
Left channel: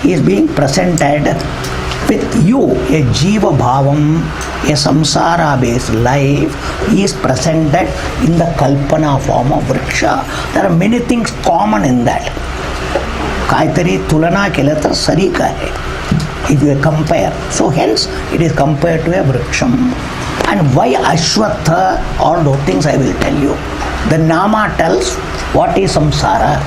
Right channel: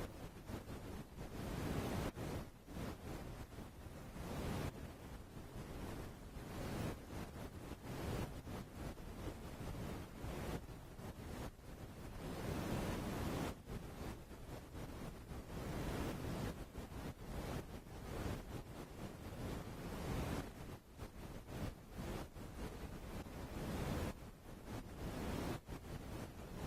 is being presented with you. A Jiva Bhavam, a samsara based life is presented in the Kalpana form of Vriksha. There are many things common in that. काहीतरी तुलना केलं तर सरीक आहे. If you compare, so hence it is compared to a vriksham. And why Ashwatha, all those things I will tell you. The Nama tells what is samsara.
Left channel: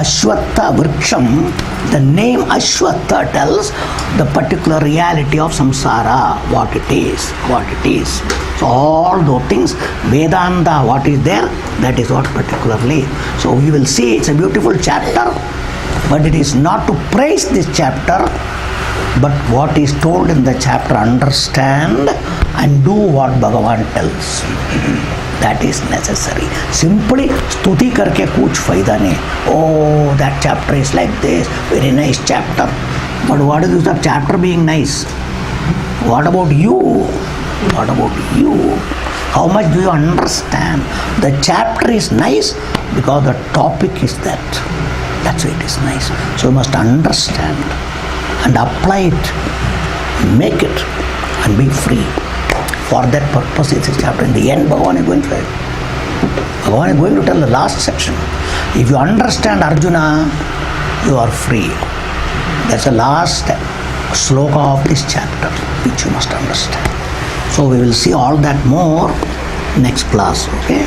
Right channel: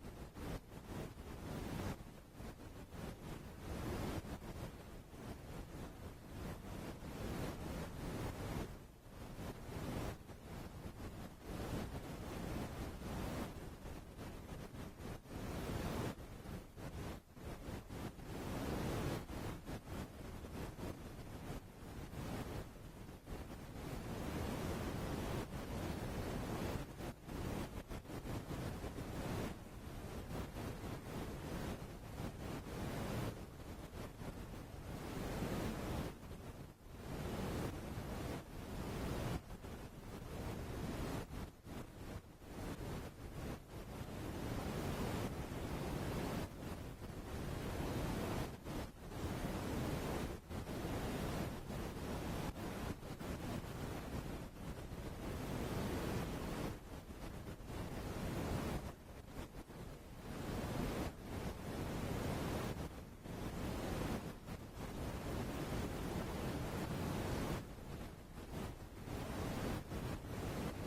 Ashwatha vriksham, the name Ashwatha tells the particular reality of samsara, what it is, what it is. So all those things, Vedanta, what is there, that is what particularly. So we will see, it's a beautiful chapter, but it is not to praise this chapter, but what is told in the chapter, understand and do what Bhagavan tells. That is necessary. Simply stuti karke kuch faida nahi. Oh, that chapter is like this, very nice chapter. But what is the chapter being nice? What about you? What about you? How much do you understand? The chapter is nice because the topic is that. That's why it is nice. So you must understand and apply it, make it, and be free. For that purpose is this chapter. In the end, Bhagavan is going to tell. Bhagavan is going to tell the last section. If you understand Arjuna, you are free. That's the last sloka of this chapter, which you must understand. So we will see all that more next class. Okay?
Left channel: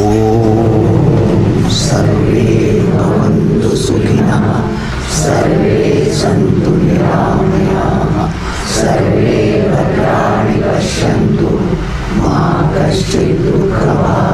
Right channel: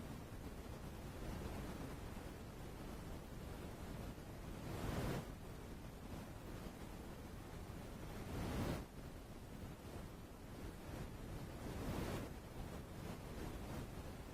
Om Sarve Bhavantu Sukhina Sarve Santu Niramaya Sarve Bhadrani Pashyantu Ma Kaschid Dukha